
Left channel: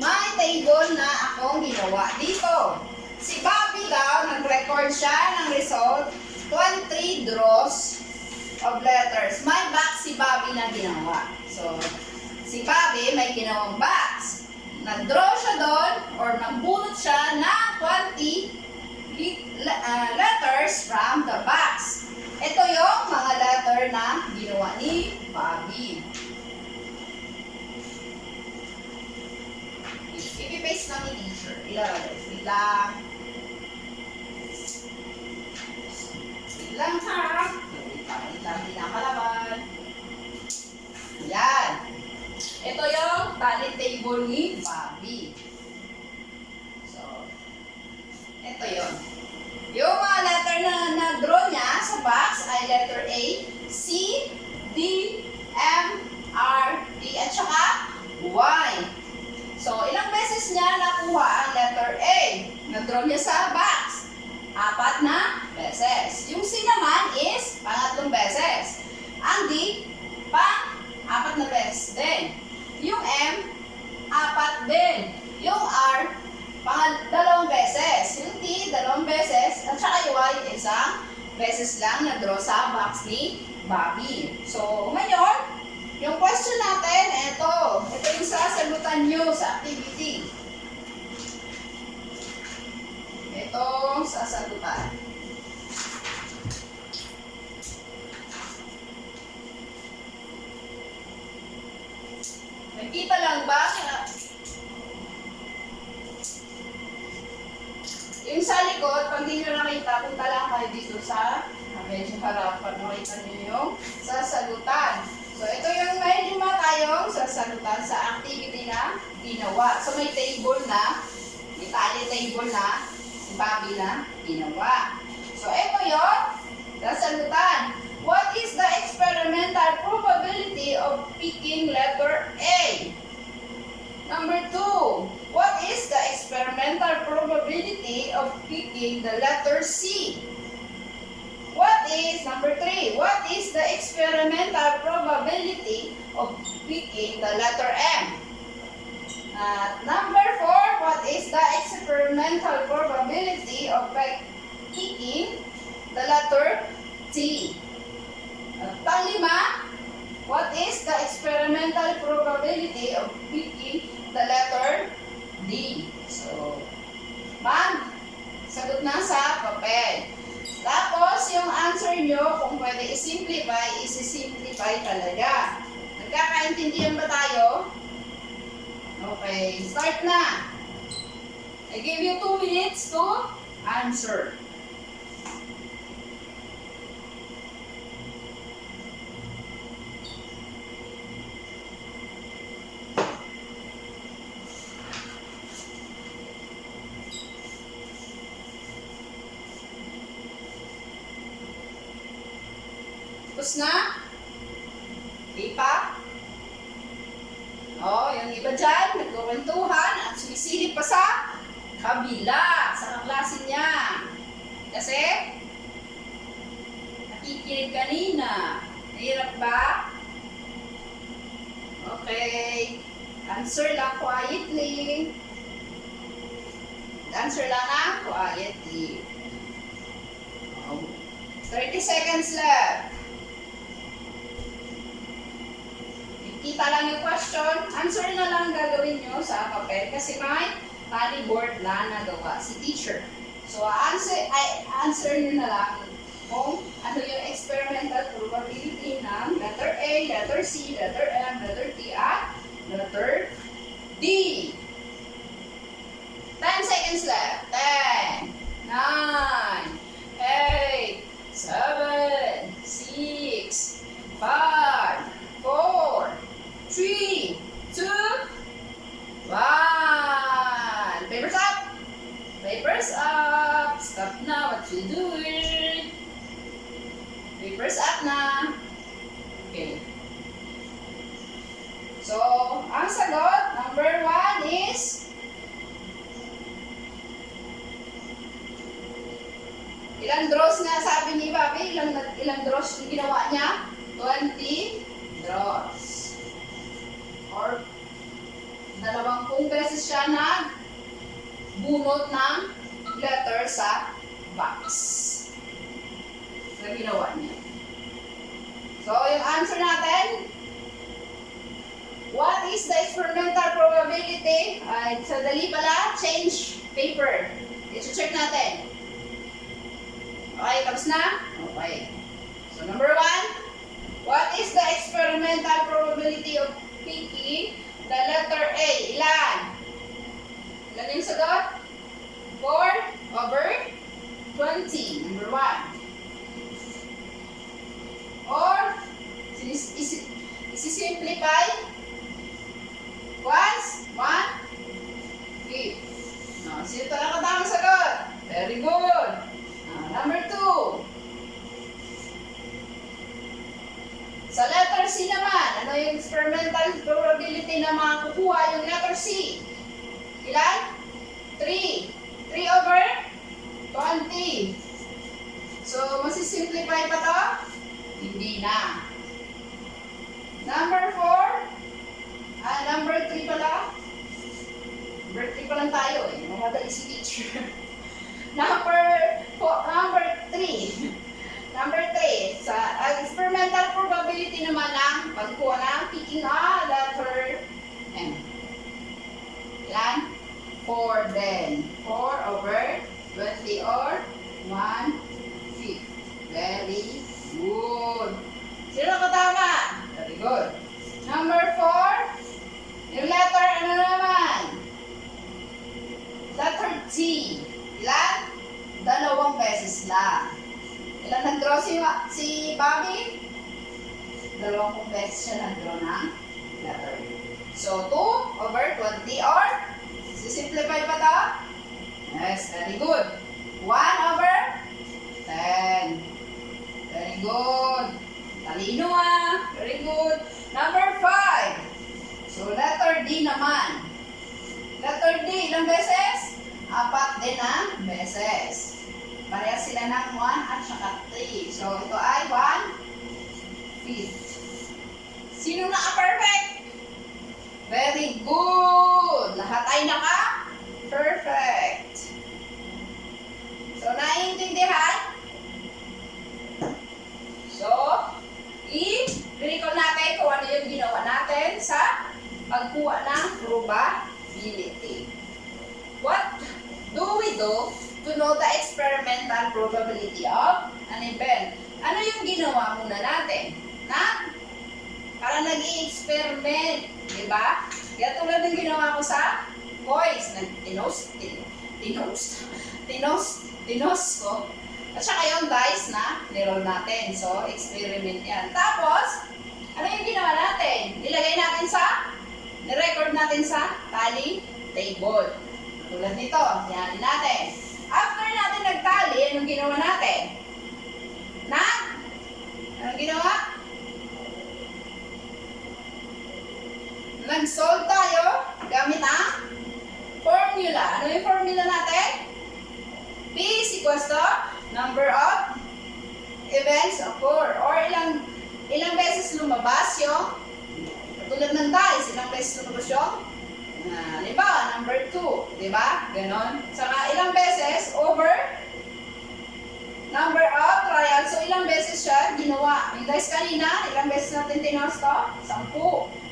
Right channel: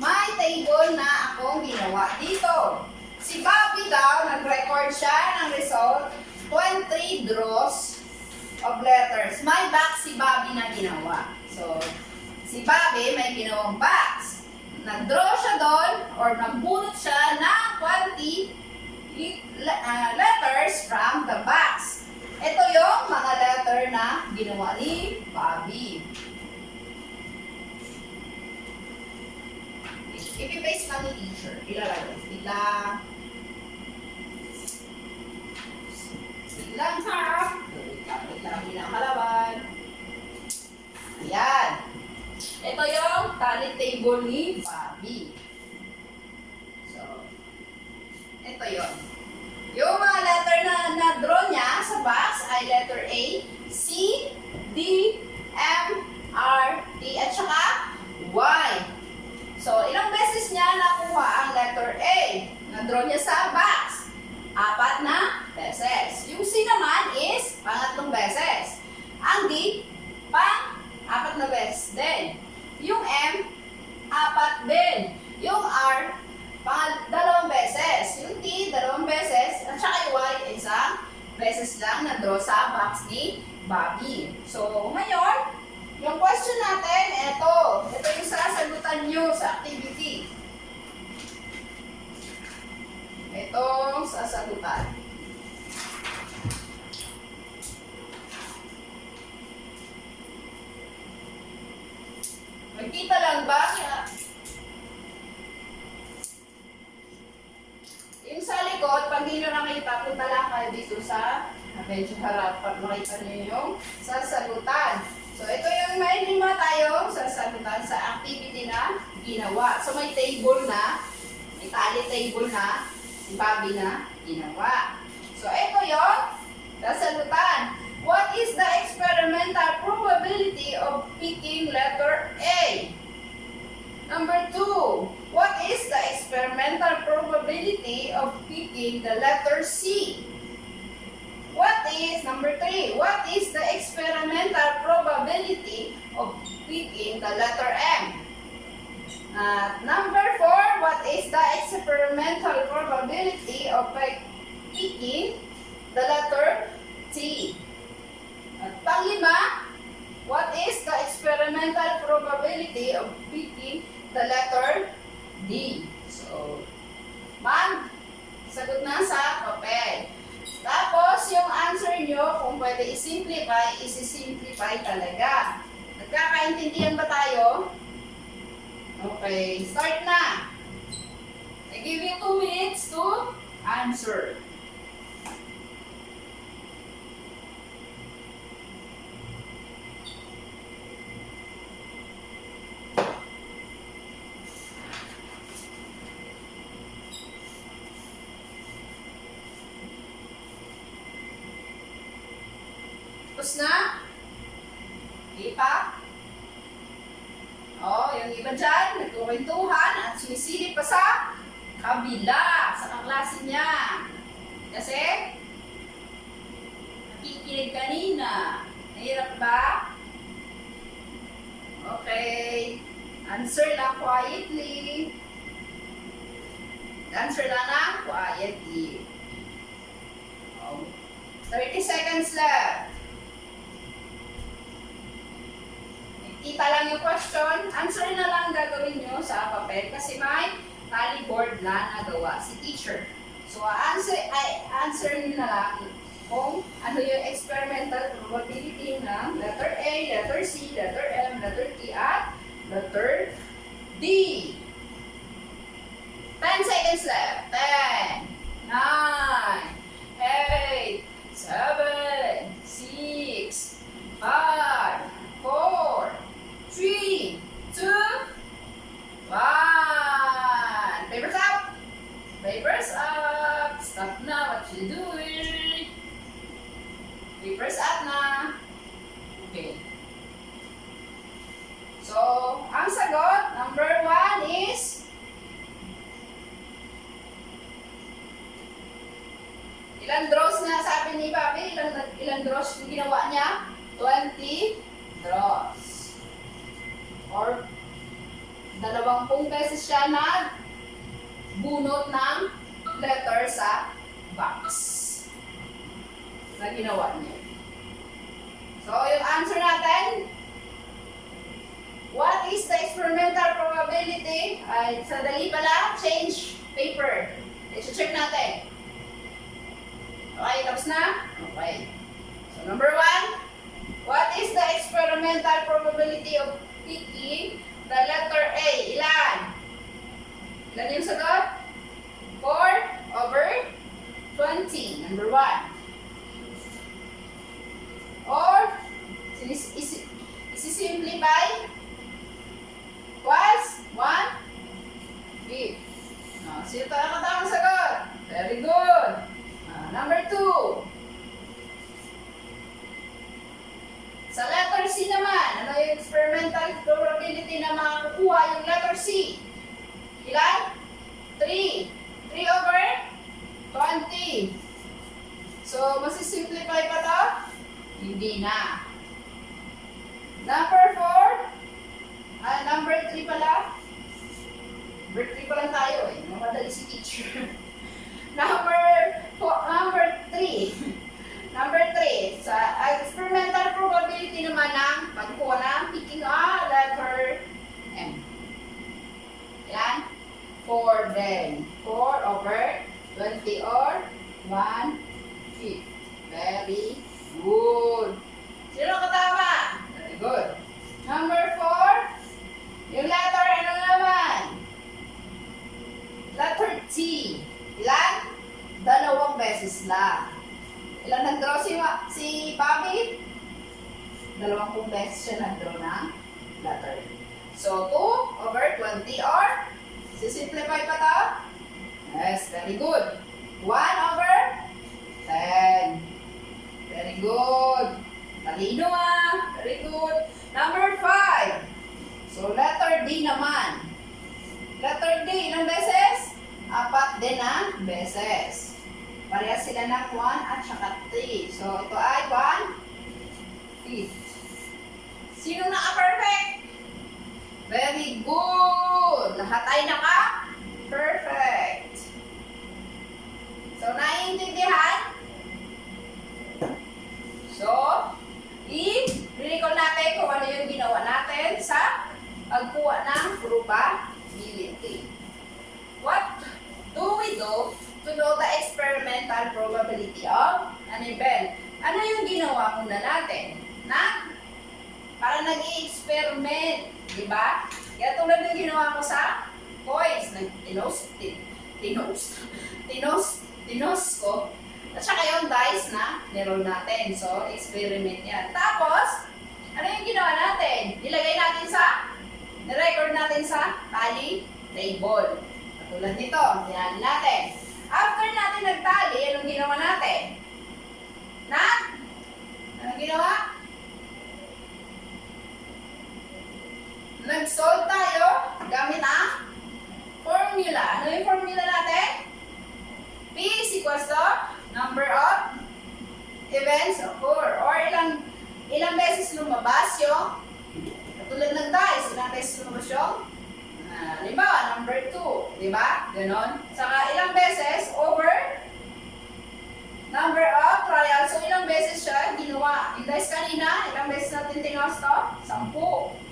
May table na akong ginawa dito. Si Bobby daw, nag-record siya ng result, 23 draws of letters. May box si Bobby na ginawa. So, si Bobby may ginawang box. Nag-draw siya doon or nagbunot siya ng 20 letters from the box. Ito yung mga letter na ginawa ni Bobby. Ipipaste lang ni teacher. Ilalagay. Wait lang. Wait lang ha. Wait lang. Hindi na kalaban. Ayan. Ito yung tally table ni Bobby. So, ito yun. Yung mga letter na na-draw niya sa box ay letter A, C, D, M, R, T, at saka Y. So, ilang beses niya nakuha ang letter A? Na-draw niya sa box. 4 na beses. Yung C naman is pangatlong beses. Ang D, pang-4 na beses din. Yung M, 4 din. Yung R, dalawang beses. Yung T, dalawang beses. At saka yung Y, isang beses lang na-draw sa box ni Bobby. So, ngayon, yung question natin, ito. Ito yung sasagutan nyo sa activity. Itong sasagutan. Makita lang ba? Yung sa likod, pag hindi nyo nakita, punta lang kayo dito sa medyo harap pag makita nyo yung sasagutan. So, ito yung may 5 tayong sasagutan sa activity na ginawa. So, may table na, may tally table na, si Bobby na ginawa. So, ito yung sasagutan. What is the experimental probability of picking letter A? Number 2, what is the experimental probability of picking the letter C? What is, number 3, what is the experimental probability of picking the letter M? Number 4, what is the experimental probability of picking the letter T? At pang-5, what is the experimental probability of picking the letter D? So, sagot na sa papel. Tapos, yung answer nyo, kung pwede i-simplify, isi-simplify talaga. Nagkakaintindihan ba tayo? Okay, start na. I give you 2 minutes to answer. Tapos na? Di pa? Oh, yung iba dyan, nagkukwentuhan at sumisilip pa sa kabila, sa kaklase niya. Kasi, nakikinig kanina. Nahirap ba? Okay. Answer lang quietly. Answer lang quietly. Oh. 30 seconds left. Kita lang yung question, answer na lang gagawin nyo sa papel kasi may tally board na nagawa si teacher. So, answer nyo na lang kung ano yung experimental probability ng letter A, letter C, letter M, letter T, at letter D. 10 seconds left. 10, 9, 8, 7, 6, 5, 4, 3, 2, 1. Papers up! Papers up! Stop na what you doing. Papers up na. Okay. So, ang sagot, number 1 is ilang draws nga sabi ni Bobby? Ilang draws yung ginawa niya? 20 draws. Or 20 beses siya bunot ng letter sa box na ginawa niya. So, yung answer natin, what is the experimental probability? Sadali pala, change paper. I-check natin. Okay, tapos na? Okay. So, number 1, what is the experimental probability of picking the letter A? Ilan? Ilan yung sagot? 4/20. Number 1. Or, isi-simplify was 1/5. Sino talaga tamang sagot? Very good. Number 2. Sa letter C naman, ano yung experimental probability na makukuha yung letter C? Ilan? 3. 3/20. So, masisimplify pa to? Hindi na. Number 4. Number 3 pala. Number 3 pa lang tayo eh. Mamadali si teacher. Number 3. Number 3, sa experimental probability naman ng pagkuha ng picking a letter M. Ilan? 4 din. 4/20 or 1/5. Very good. Sino katama? Very good. Number 4, yung letter ano naman? Letter T. Ilan? 2 beses lang. Ilan nag-draw si Bobby? 20 beses siya nag-draw ng letter. So, 2/20 or sisimplify pa to? Yes, very good. 1/10. Very good. Talino Very good. Number 5. So, letter D naman. Letter D, ilang beses? 4 din na beses. Parehas sila ng 1 at saka 3. So, ito ay 1/5. Sino naka-perfect? Very good! Lahat ay naka-perfect. So, naiintindihan? So, i-recall natin kung ano yung ginawa natin sa pagkuha ng probability. What do we do to know the experimental probability of an event? Ano yung ginawa muna natin? Para nag-i-experiment, di ba? Kaya tulad ng ginawa ko sa boys, tinos ko. At saka yung dice na niroll natin. So, experiment yan. Tapos, ano yung ginawa natin? Nirecord natin sa tally table. Tulad nito, yan natin. After natin nagtali, anong ginawa natin? Anong ginawa? Nag-solve tayo gamit ang formula. Ano yung formula natin? P is equals to number of events occur or ilang beses lumabas yung katulad ng dice, ilang beses lumabas yung halimbawa, number 2, di ba? Ganon. Saka ilang beses over number of trials. So, ilang beses siya ginawa. Yung dice kanina, ilang beses natin tinos to? 10.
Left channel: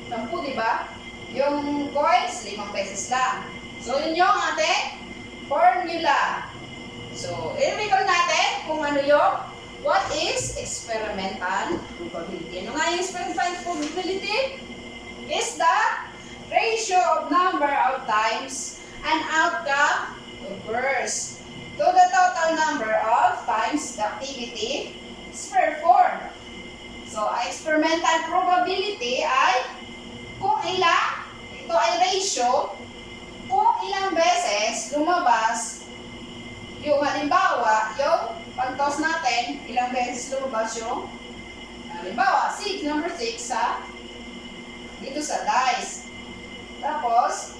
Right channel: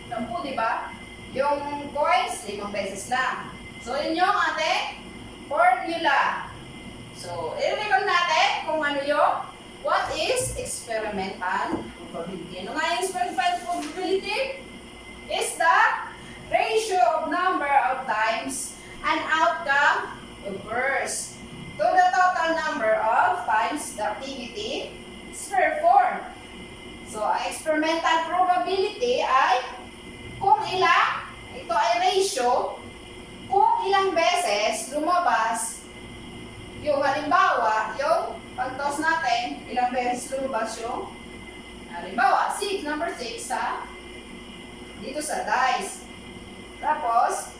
10, di ba? Yung coins, 5 beses lang. So, yun yung ating formula. So, i-recall natin kung ano yung what is experimental probability. Ano nga yung experimental probability? Is the ratio of number of times an outcome occurs to the total number of times the activity is performed. So, ang experimental probability ay kung ilang, ito ay ratio, kung ilang beses lumabas yung halimbawa, yung pag-toss natin, ilang beses lumabas yung halimbawa, number 6 dito sa dice. Tapos,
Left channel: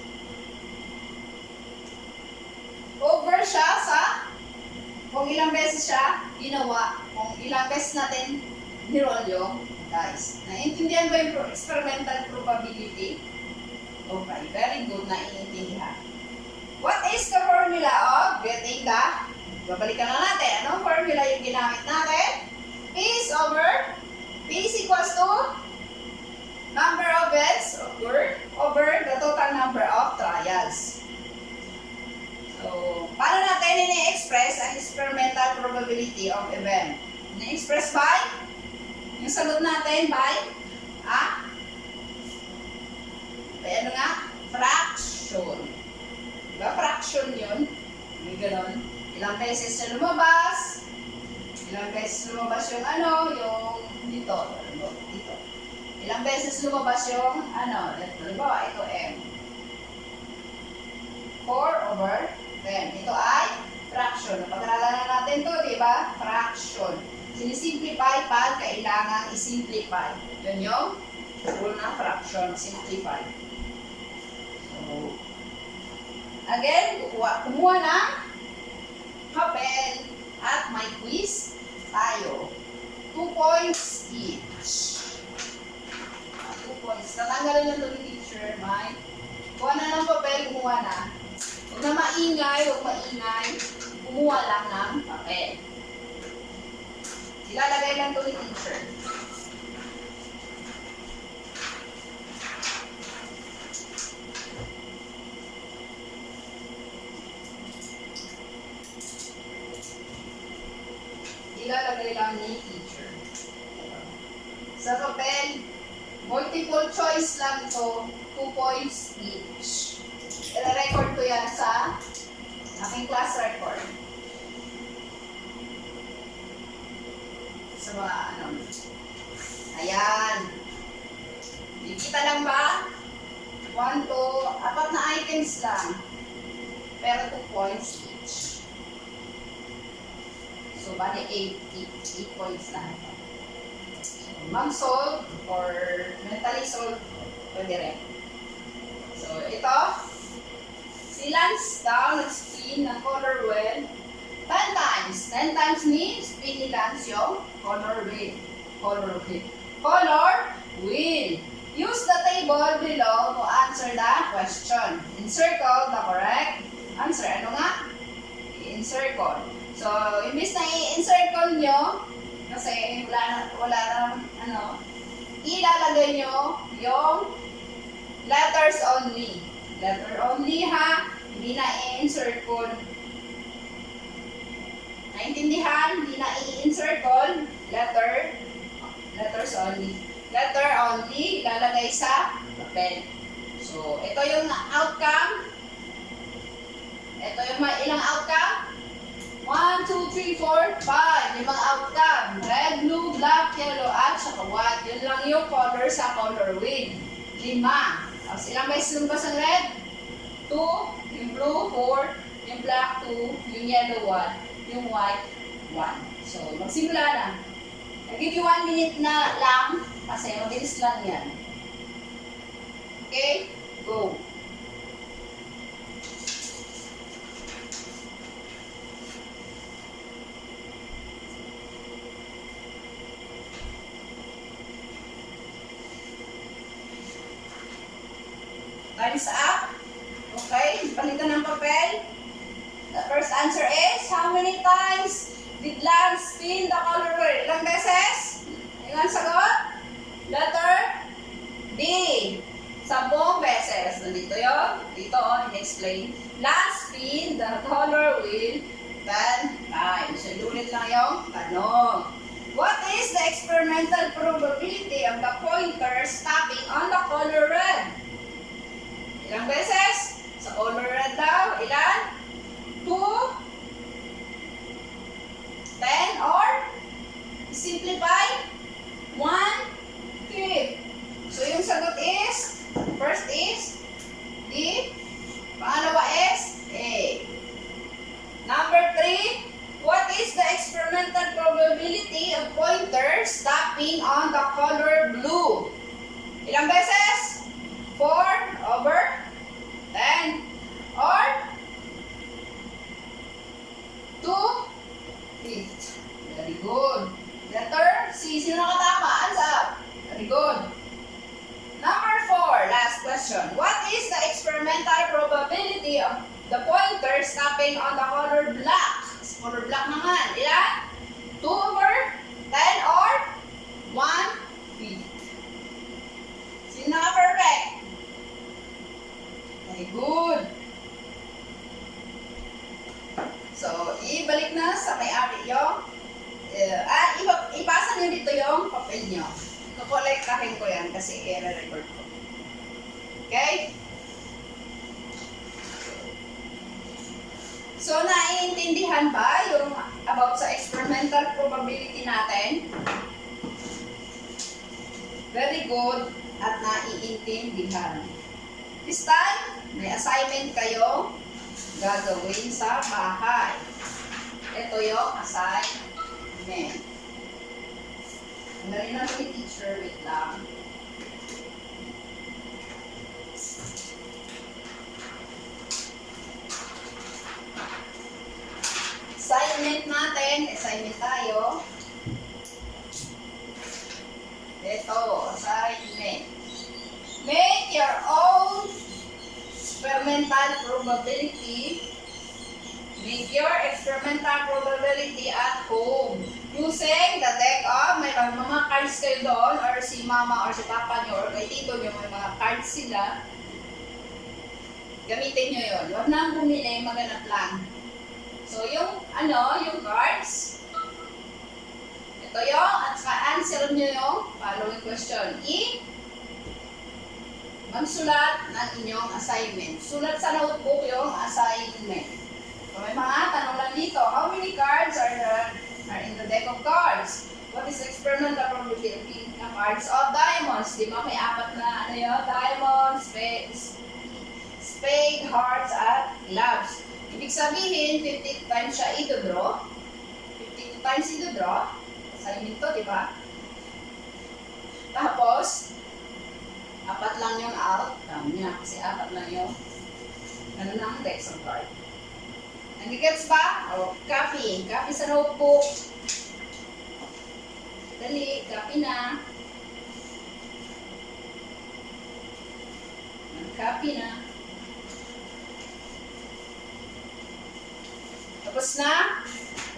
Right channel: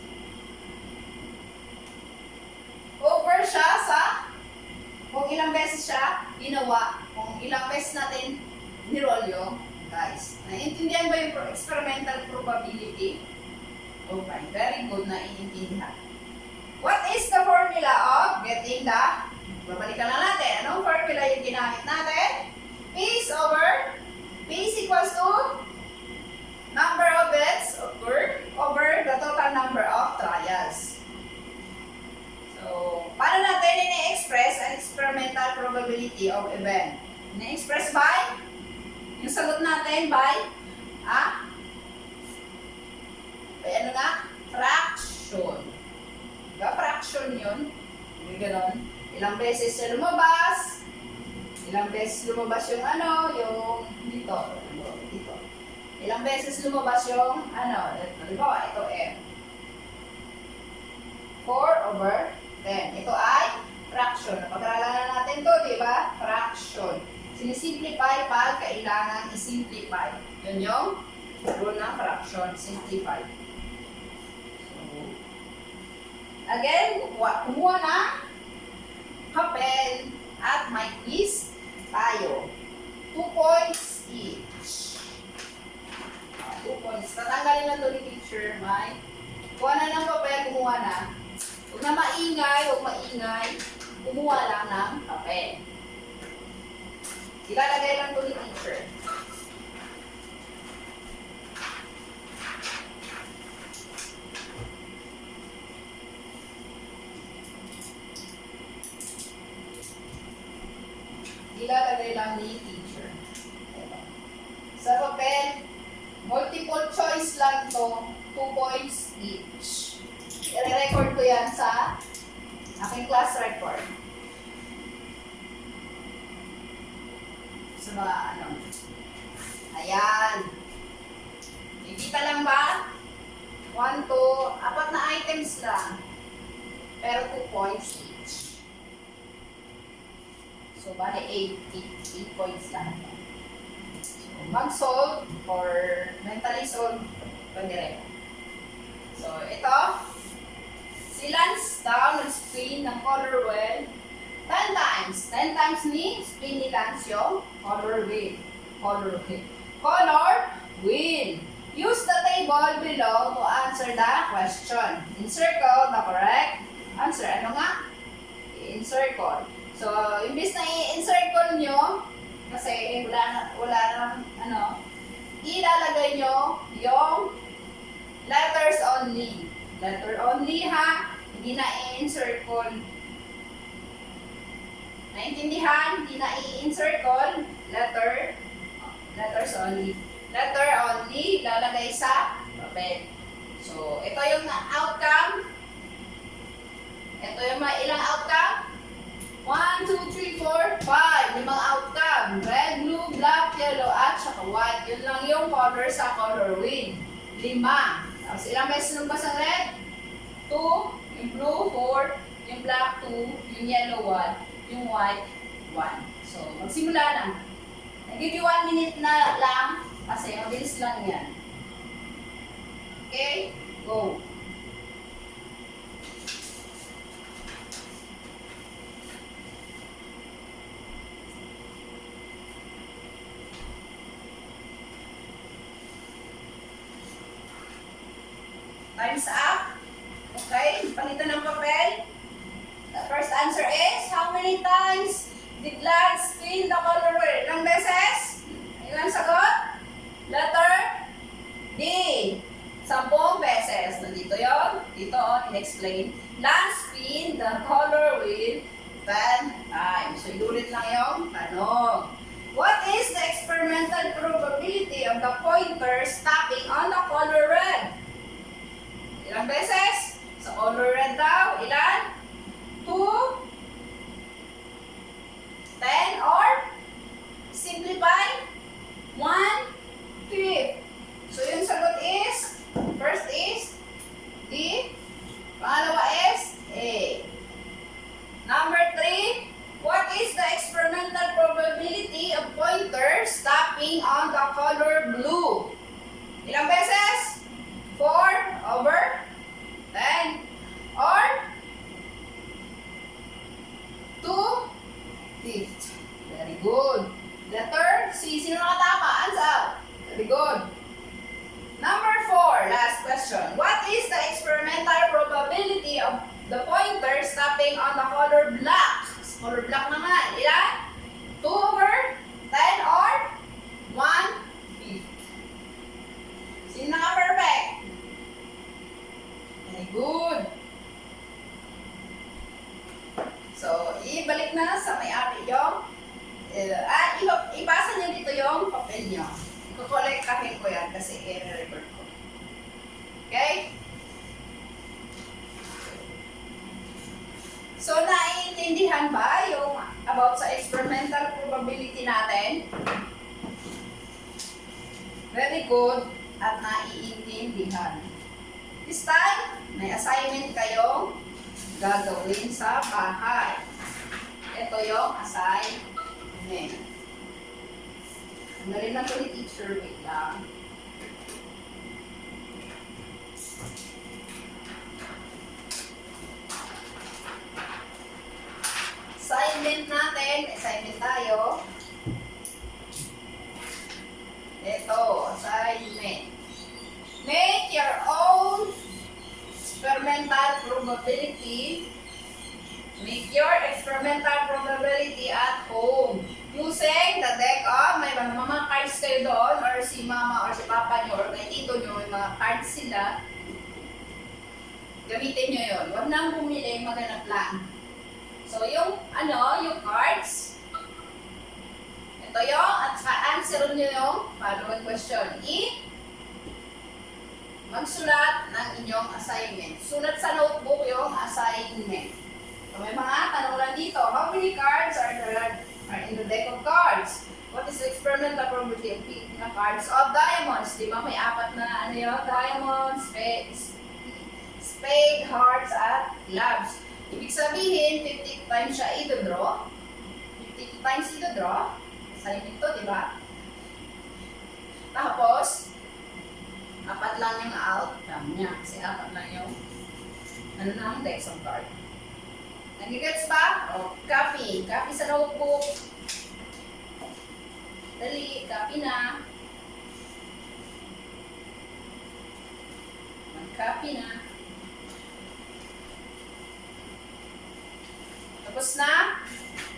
over siya sa kung ilang beses siya ginawa, kung ilang beses natin niroll yung dice. Naiintindihan ba yung experimental probability? Okay, very good na iintindihan. What is the formula of getting the, babalikan na natin, anong formula yung ginamit natin? P is equals to number of events occur over the total number of trials. So, paano natin ini-express ang experimental probability of event? Ini-express by, yung sagot natin by ano nga? Fraction. Diba? Fraction yun. May ganon. Ilang beses siya lumabas. Ilang beses lumabas yung dito. Dito. Ilang beses lumabas yung halimbawa, ito M. 4/10. Ito ay fraction. Pag-aralan na natin to, di ba? Fraction. Sinisimplify pag kailangan isimplify. Yun yung rule ng fraction. Simplify. So, again, kumuha ng papel at may quiz tayo. 2 points each. 2 points. Tatanggalin lang ito ni teacher, May. Kuha na ng papel, kumuha na. Huwag na maingay, kumuha lang ng papel. Ilalagay lang ito ni teacher. Ilalagay lang ni teacher. Sa papel, multiple choice lang to, 2 points each. I-record ko yan sa aking class record. Sa mga Ayan. Nakikita lang ba? 1, 2, 4 na items lang. Pero 2 points each. So, bali 8 points lahat. So, mag-solve or mentally solve, pwede rin. So, ito, si Lance daw nag-spin ng color wheel 10 times. 10 times ni spin ni Lance yung color wheel. Color wheel. Use the table below to answer the question. Encircle the correct answer. Ano nga? I-encircle. So, imbis na i-encircle nyo, kasi wala na, ilalagay nyo yung letters only. Letter only ha, hindi na i-encircle. Naintindihan? Hindi na i-encircle. Letters only. Letter only, ilalagay sa papel. So, ito yung outcome. Ito yung may ilang outcome? 1, 2, 3, 4, 5. Limang outcome. Red, blue, black, yellow, at saka white. Yun lang yung color sa color wheel. 5. Tapos ilang beses lumabas ang red? 2. Yung blue, 4. Yung black, 2. Yung yellow, 1. Yung white, 1. So, magsimula na. I give you 1 minute na lang kasi mabilis lang yan. Okay? Go. Time's up. Okay, palitan ng papel. The first answer is, how many times did Lance spin the color wheel? Ilang beses? Ilang sagot? Letter D. 10 beses. Nandito yun. Dito, in-explain. Lance spin the color wheel 10 times. So, ilulit lang yung tanong. What is the experimental probability of the pointer stopping on the color red? Ilang beses? Sa color red daw, ilan? 2, 10, or simplify, 1, 5. So yung sagot is, first is D, pangalawa is A. Number 3, what is the experimental probability of pointer stopping on the color blue? Ilang beses? 4 over 10, or 2/5. Very good. Letter C. Sino nakatama? Hands up. Very good. Number 4. Last question. What is the experimental probability of the pointer stopping on the color black? Color black naman. Ilan? 2 over 10 or 1/5. Sino naka-perfect? Very good. So, ibalik na sa may-ari yung, ipasa niyo dito yung papel niyo. Kukolektahin ko yan kasi i-record ko. Okay? So, naiintindihan ba yung about sa experimental probability natin? Very good at naiintindihan. This time, may assignment kayo gagawin sa bahay. Ito yung assignment. Tanggalin lang ito ni teacher. Wait lang. Assignment natin. Assignment tayo. Ito, assignment. Make your own experimental probability. Make your experimental probability at home. Using the deck of, may mga cards kayo doon, or si mama or si papa nyo, or kay tito nyo, may mga cards sila. Gamitin nyo yun. Huwag nang bumili, maghanap lang. So, yung cards, ito yung, at sa answer nyo yung following question. Magsulat ng inyong assignment. Sulat sa notebook yung assignment. So, may mga tanong lang dito. How many cards are in the deck of cards? What is the experimental probability of picking the cards of diamonds? Di ba may 4 na diamonds, spade, hearts, at clubs. Ibig sabihin, 50 times siya i-draw. 50 times i-draw. Assignment to, di ba? Tapos, 4 lang yung outcome niya. Kasi 4 lang yung na ang deck of card. Nag-gets ba? O, copy. Copy sa notebook. Dali, copy na. Mag-copy na. Tapos na?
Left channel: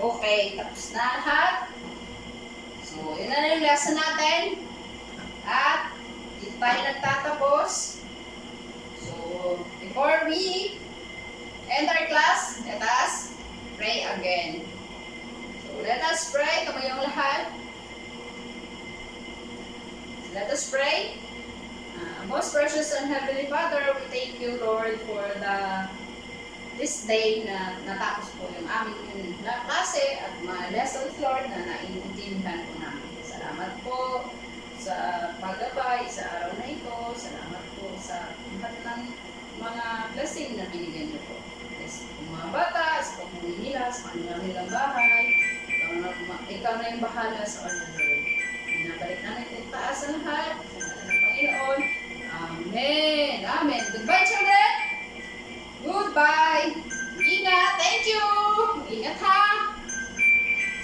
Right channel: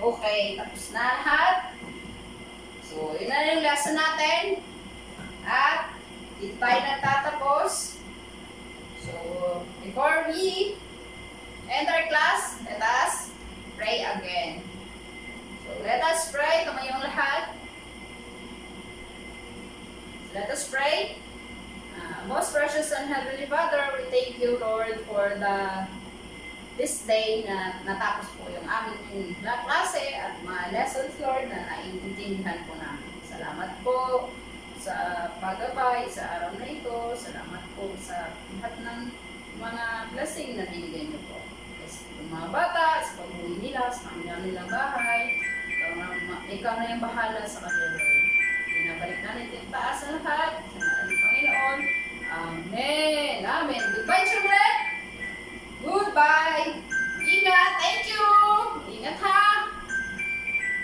Okay, tapos na lahat. So, yun na yung lesson natin. At, dito tayo nagtatapos. So, before we end our class, let us pray again. So, let us pray. Kamayong lahat. Let us pray. Most precious and Heavenly Father, we thank you, Lord, for the this day na natapos po yung aming klase at mga lessons, Lord, na naiintindihan po namin. Salamat po sa paggabay sa araw na ito. Salamat po sa lahat ng mga blessing na binigyan niyo po. Yes, yung mga bata, sa pag-uwi nila, sa kanilang bahay, ikaw na yung bahala sa kanila, Lord. Binabalik na natin taas sa lahat, sa ngalan ng Panginoon. Amen. Amen. Goodbye, children. Goodbye. Ingat. Thank you.